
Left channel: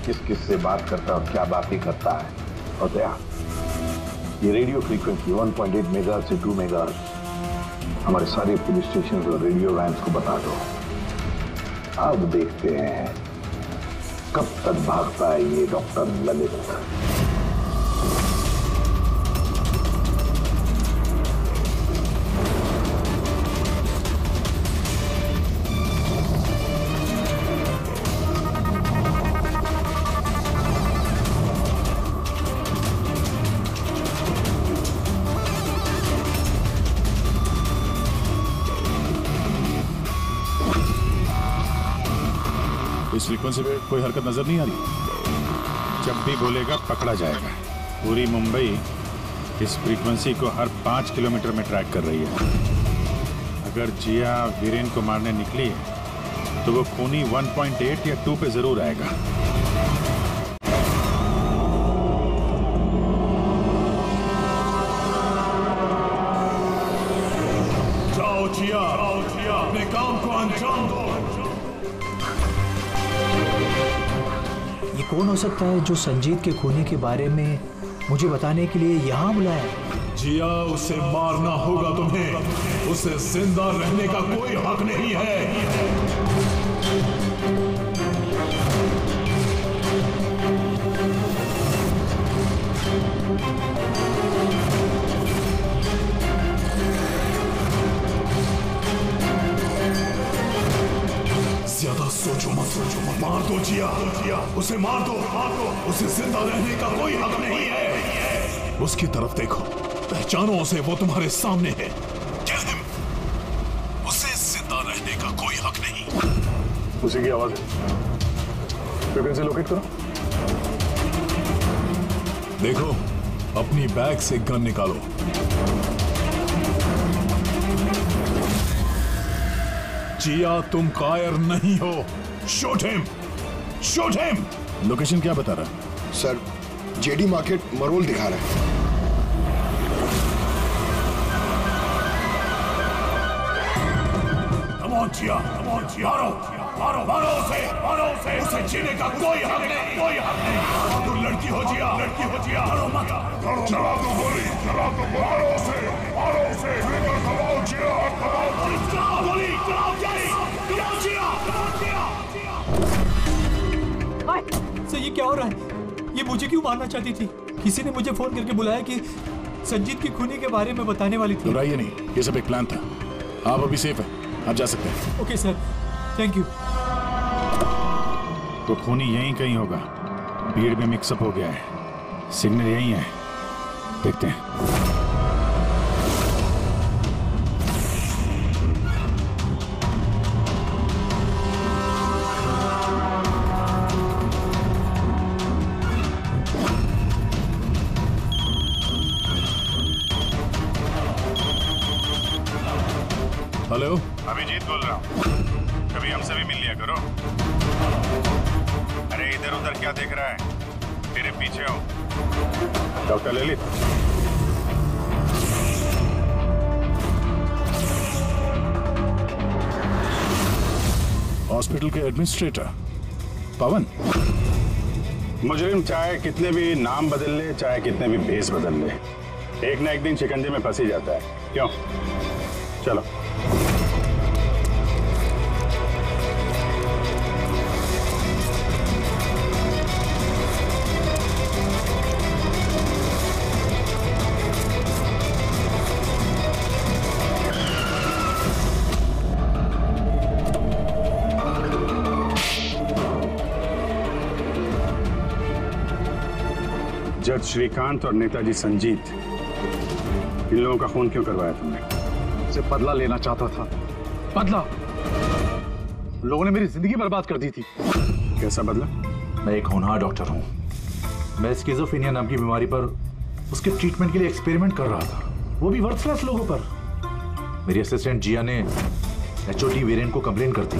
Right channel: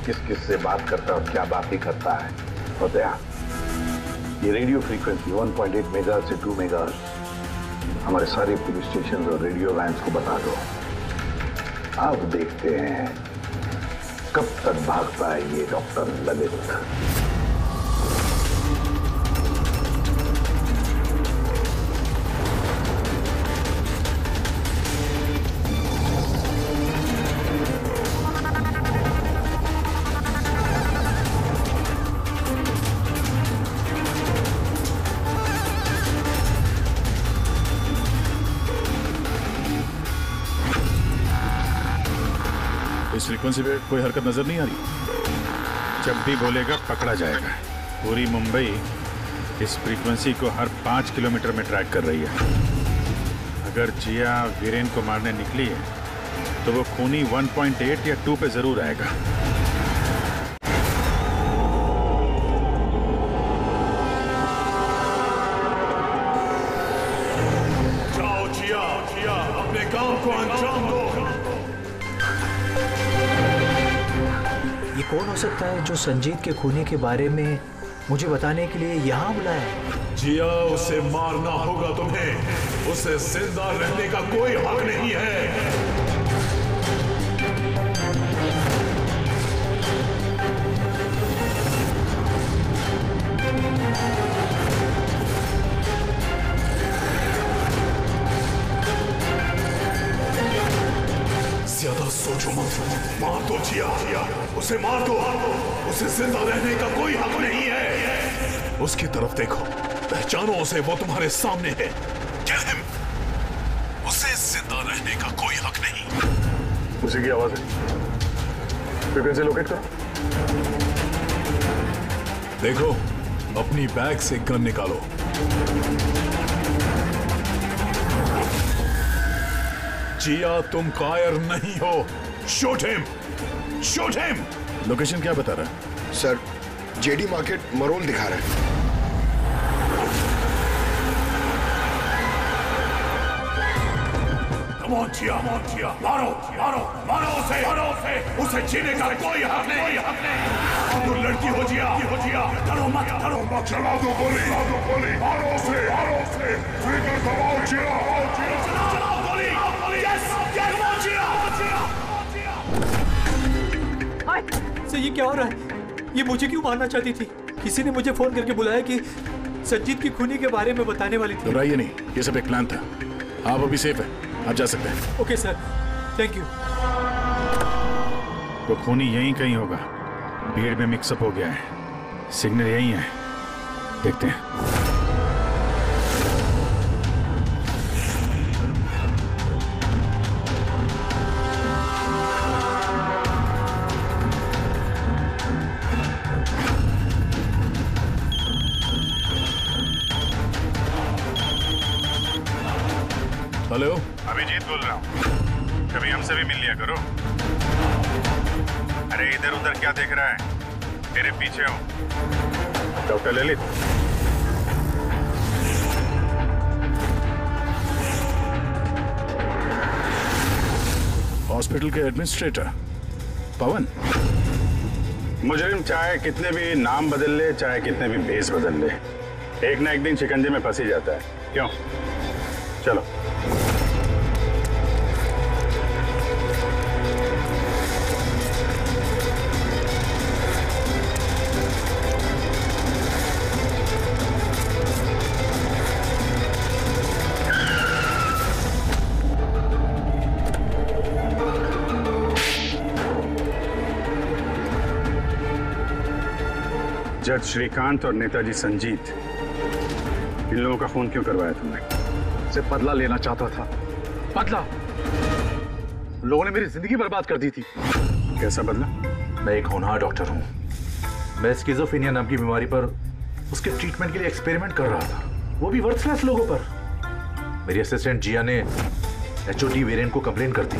किस किस से बात करता है और क्या बातें करता है। और दया, ये रेडियो फ्रीक्वेंसी 1.8 मेगाहर्ट्ज से 2 मेगाहर्ट्ज हमारे सारे पुलिस स्टेशन और रेडियो वैन्स को बता दो। अब देखते हैं कब तक भागता है ये डॉक्टर ललित। इस फ्रीक्वेंसी पे कोई हरकत नजर नहीं आ रही। जब भी बोलेगा पकड़ा जाएगा। पूरी मुंबई इस फ्रीक्वेंसी को हर 5 किलोमीटर में ट्रैक कर रही है। अगर जिया वीरेन को मारने निकली है तो वो खूनी 1.8 या 2 पे जरूर आएगा। जाओ जिया, अपने काम को अंजाम दो। ये कौन हो सकता है जो संजीत के खूनी के बारे में मुझे बताने के लिए यहाँ बुलाया है? जिया, उसे मारना होगा तुम्हें। उसे जिंदा रहने का कोई हक नहीं है। ज्यादा सोचो मत, मार दो जिया, उसे मार दो। उसे जिंदा रहने का कोई हक नहीं है। उसकी तरफ देखो, पहचानो उसे, वो तुम्हारे सामने है। उसे जिंदा रहने का कोई हक नहीं। उसी की आवाज है। फ्रीक्वेंसी लोकेट करो। देखो, अपनी बैग से गन निकालो। जिया, तुम कायर नहीं हो। Shoot him, shoot him. Location क्या बता रहा है? सर, जेडी मार्केट मरोल दिखा रहा है। कम ऑन जिया, मारो, मारो उसे। उसे जीने का कोई हक नहीं। तुम लड़की हो जिया, डरो मत। चला दो गोली, मारो उसे। स्लीपर दबाओ जिया। चलाओ गोली। Yes, come on Jiya. Sir, ये क्या हो रहा है? ये मुझे क्यों मारना चाहती थी? किसी ने मुझे फोन करके बुलाया कि संजीत की खूनी के बारे में बताने वाली थी। घबराइए नहीं, ये सब एक प्लान था। आप अभी सेफ है, आप जा सकते हैं। Okay sir, thank you. तो खूनी यहीं कहीं होगा। भीड़ में मिक्सअप हो गया है। सिग्नल यहीं है, देखते हैं। हेलो, अभिजीत बोल रहा हूँ। कभी हमसे भी मिल लिया करो। अरे इधर उधर क्या देख रहा है? तेरे पीछे हूँ। डॉक्टर ललित। हॉस्पिटल के एडमिनिस्ट्रेटर पवन। मुजरिम चाहे कितने भी नाम बदल ले, चाहे कितने भी भेष बदल ले, एक ना एक दिन शिकंजे में फंस ही जाता है। क्यों? चलो। जज श्रीकांत और नेताजी संजीत, इन लोगों का खून क्यों करवाया तुमने? से बदला लेना चाहता था। बदला? लोगों ने मेरी जिंदगी बर्बाद कर दी थी। कैसा बदला? मैं एक होनहार डॉक्टर हूं। मैं स्किज़ोफ्रेनिया नाम की बीमारी पर उसके ट्रीटमेंट के लिए एक्सपेरिमेंट कर रहा था, वो भी वर्थलेस लोगों पर। मेरी असिस्टेंट जिया ने एचओडी वीरेन को कंप्लेन कर दी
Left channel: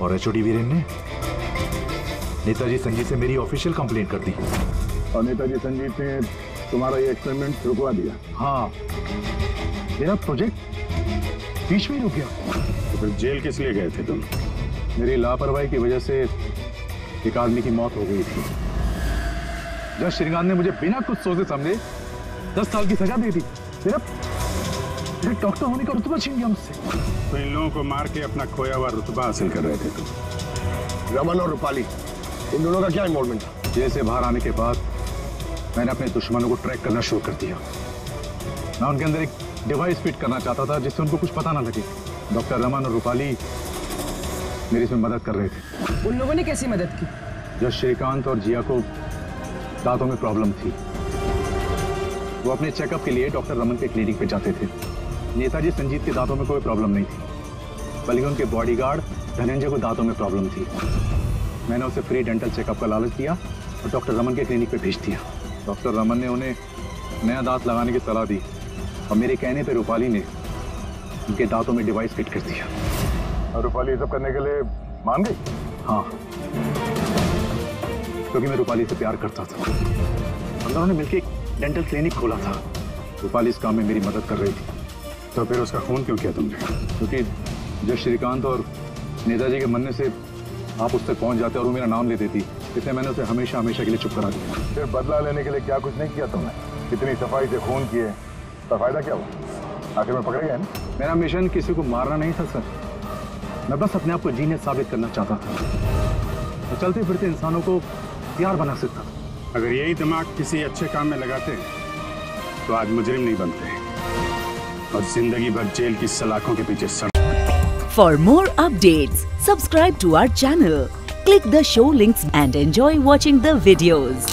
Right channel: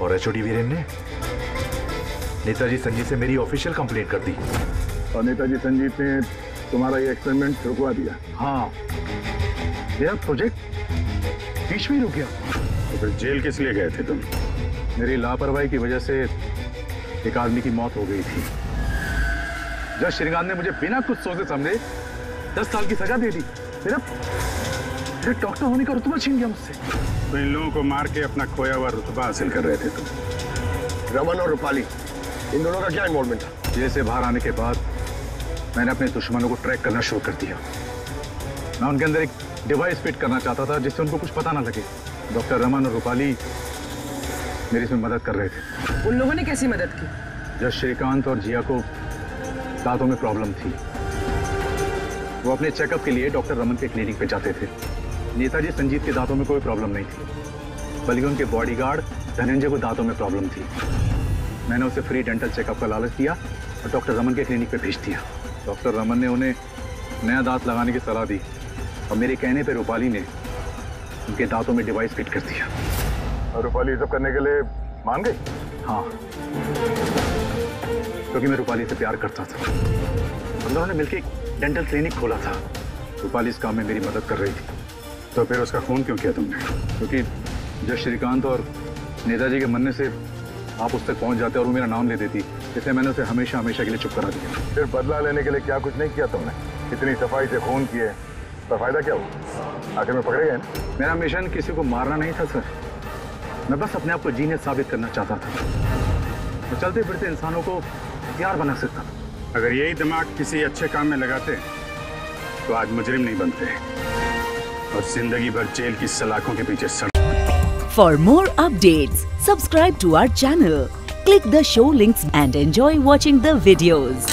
और एचओडी वीरेन ने नेताजी संजीत से मेरी ऑफिशियल कंप्लेंट कर दी। और नेताजी संजीत ने तुम्हारा ये एक्सपेरिमेंट रुकवा दिया? हाँ, मेरा प्रोजेक्ट बीच में ही रुक गया। तो फिर जेल किस लिए गए थे तुम? मेरी लापरवाही की वजह से एक आदमी की मौत हो गई थी। जज श्रीकांत ने मुझे बिना कुछ सोचे समझे 10 साल की सजा दे दी। डॉक्टर होने का रुतबा छीन गया मुझसे। तो इन लोगों को मार के अपना खोया हुआ रुतबा हासिल कर रहे थे तुम। रमन और रूपाली, इन दोनों का क्या इन्वॉल्वमेंट था? जेल से बाहर आने के बाद मैंने अपने दुश्मनों को ट्रैक करना शुरू कर दिया। मैं उनके अंदर एक डिवाइस फिट करना चाहता था जिससे उनको कुछ पता ना लगे। डॉक्टर रमन और रूपाली मेरी इसमें मदद कर रहे थे। उन लोगों ने कैसी मदद की? जब श्रीकांत और जिया को दांतों में प्रॉब्लम थी, वो अपने चेकअप के लिए डॉक्टर रमन के क्लिनिक पे जाते थे। नेताजी संजीत के दांतों में कोई प्रॉब्लम नहीं थी, बल्कि उनके बॉडीगार्ड धनंजय को दांतों में प्रॉब्लम थी। मैंने उसे फ्री डेंटल चेकअप का लालच दिया और डॉक्टर रमन के क्लिनिक पे भेज दिया। डॉक्टर रमन ने उन्हें नया दांत लगाने की सलाह दी और मेरे कहने पे रूपाली ने उनके दांतों में डिवाइस फिट कर दिया। और रूपाली ये सब करने के लिए मान गई? हाँ, क्योंकि मैं रूपाली से प्यार करता था। हम दोनों ने मिलकर एक डेंटल क्लिनिक खोला था। रूपाली इस काम में मेरी मदद कर रही थी। तो फिर उसका खून क्यों किया तुमने? क्योंकि जब श्रीकांत और नेताजी के मरने से आप उस तक पहुंच जाते और वो मेरा नाम ले देती, इसलिए मैंने उसे हमेशा हमेशा के लिए चुप करा दिया। फिर बदला लेने के लिए क्या कुछ नहीं किया तुमने? इतनी सफाई से खून किए तो फायदा क्या हुआ? आखिर में पकड़े गए ना? मेरा मिशन किसी को मारना नहीं था सर, मैं बस अपने आप को जीनियस साबित करना चाहता था। मैं चलते फिरते इंसानों को हथियार बना सकता था। अगर यही दिमाग किसी अच्छे काम में लगाते तो आज मुजरिम नहीं बनते और जिंदगी भर जेल की सलाखों के पीछे सड़। For more updates, subscribe to our channel, click the show links and enjoy watching the videos.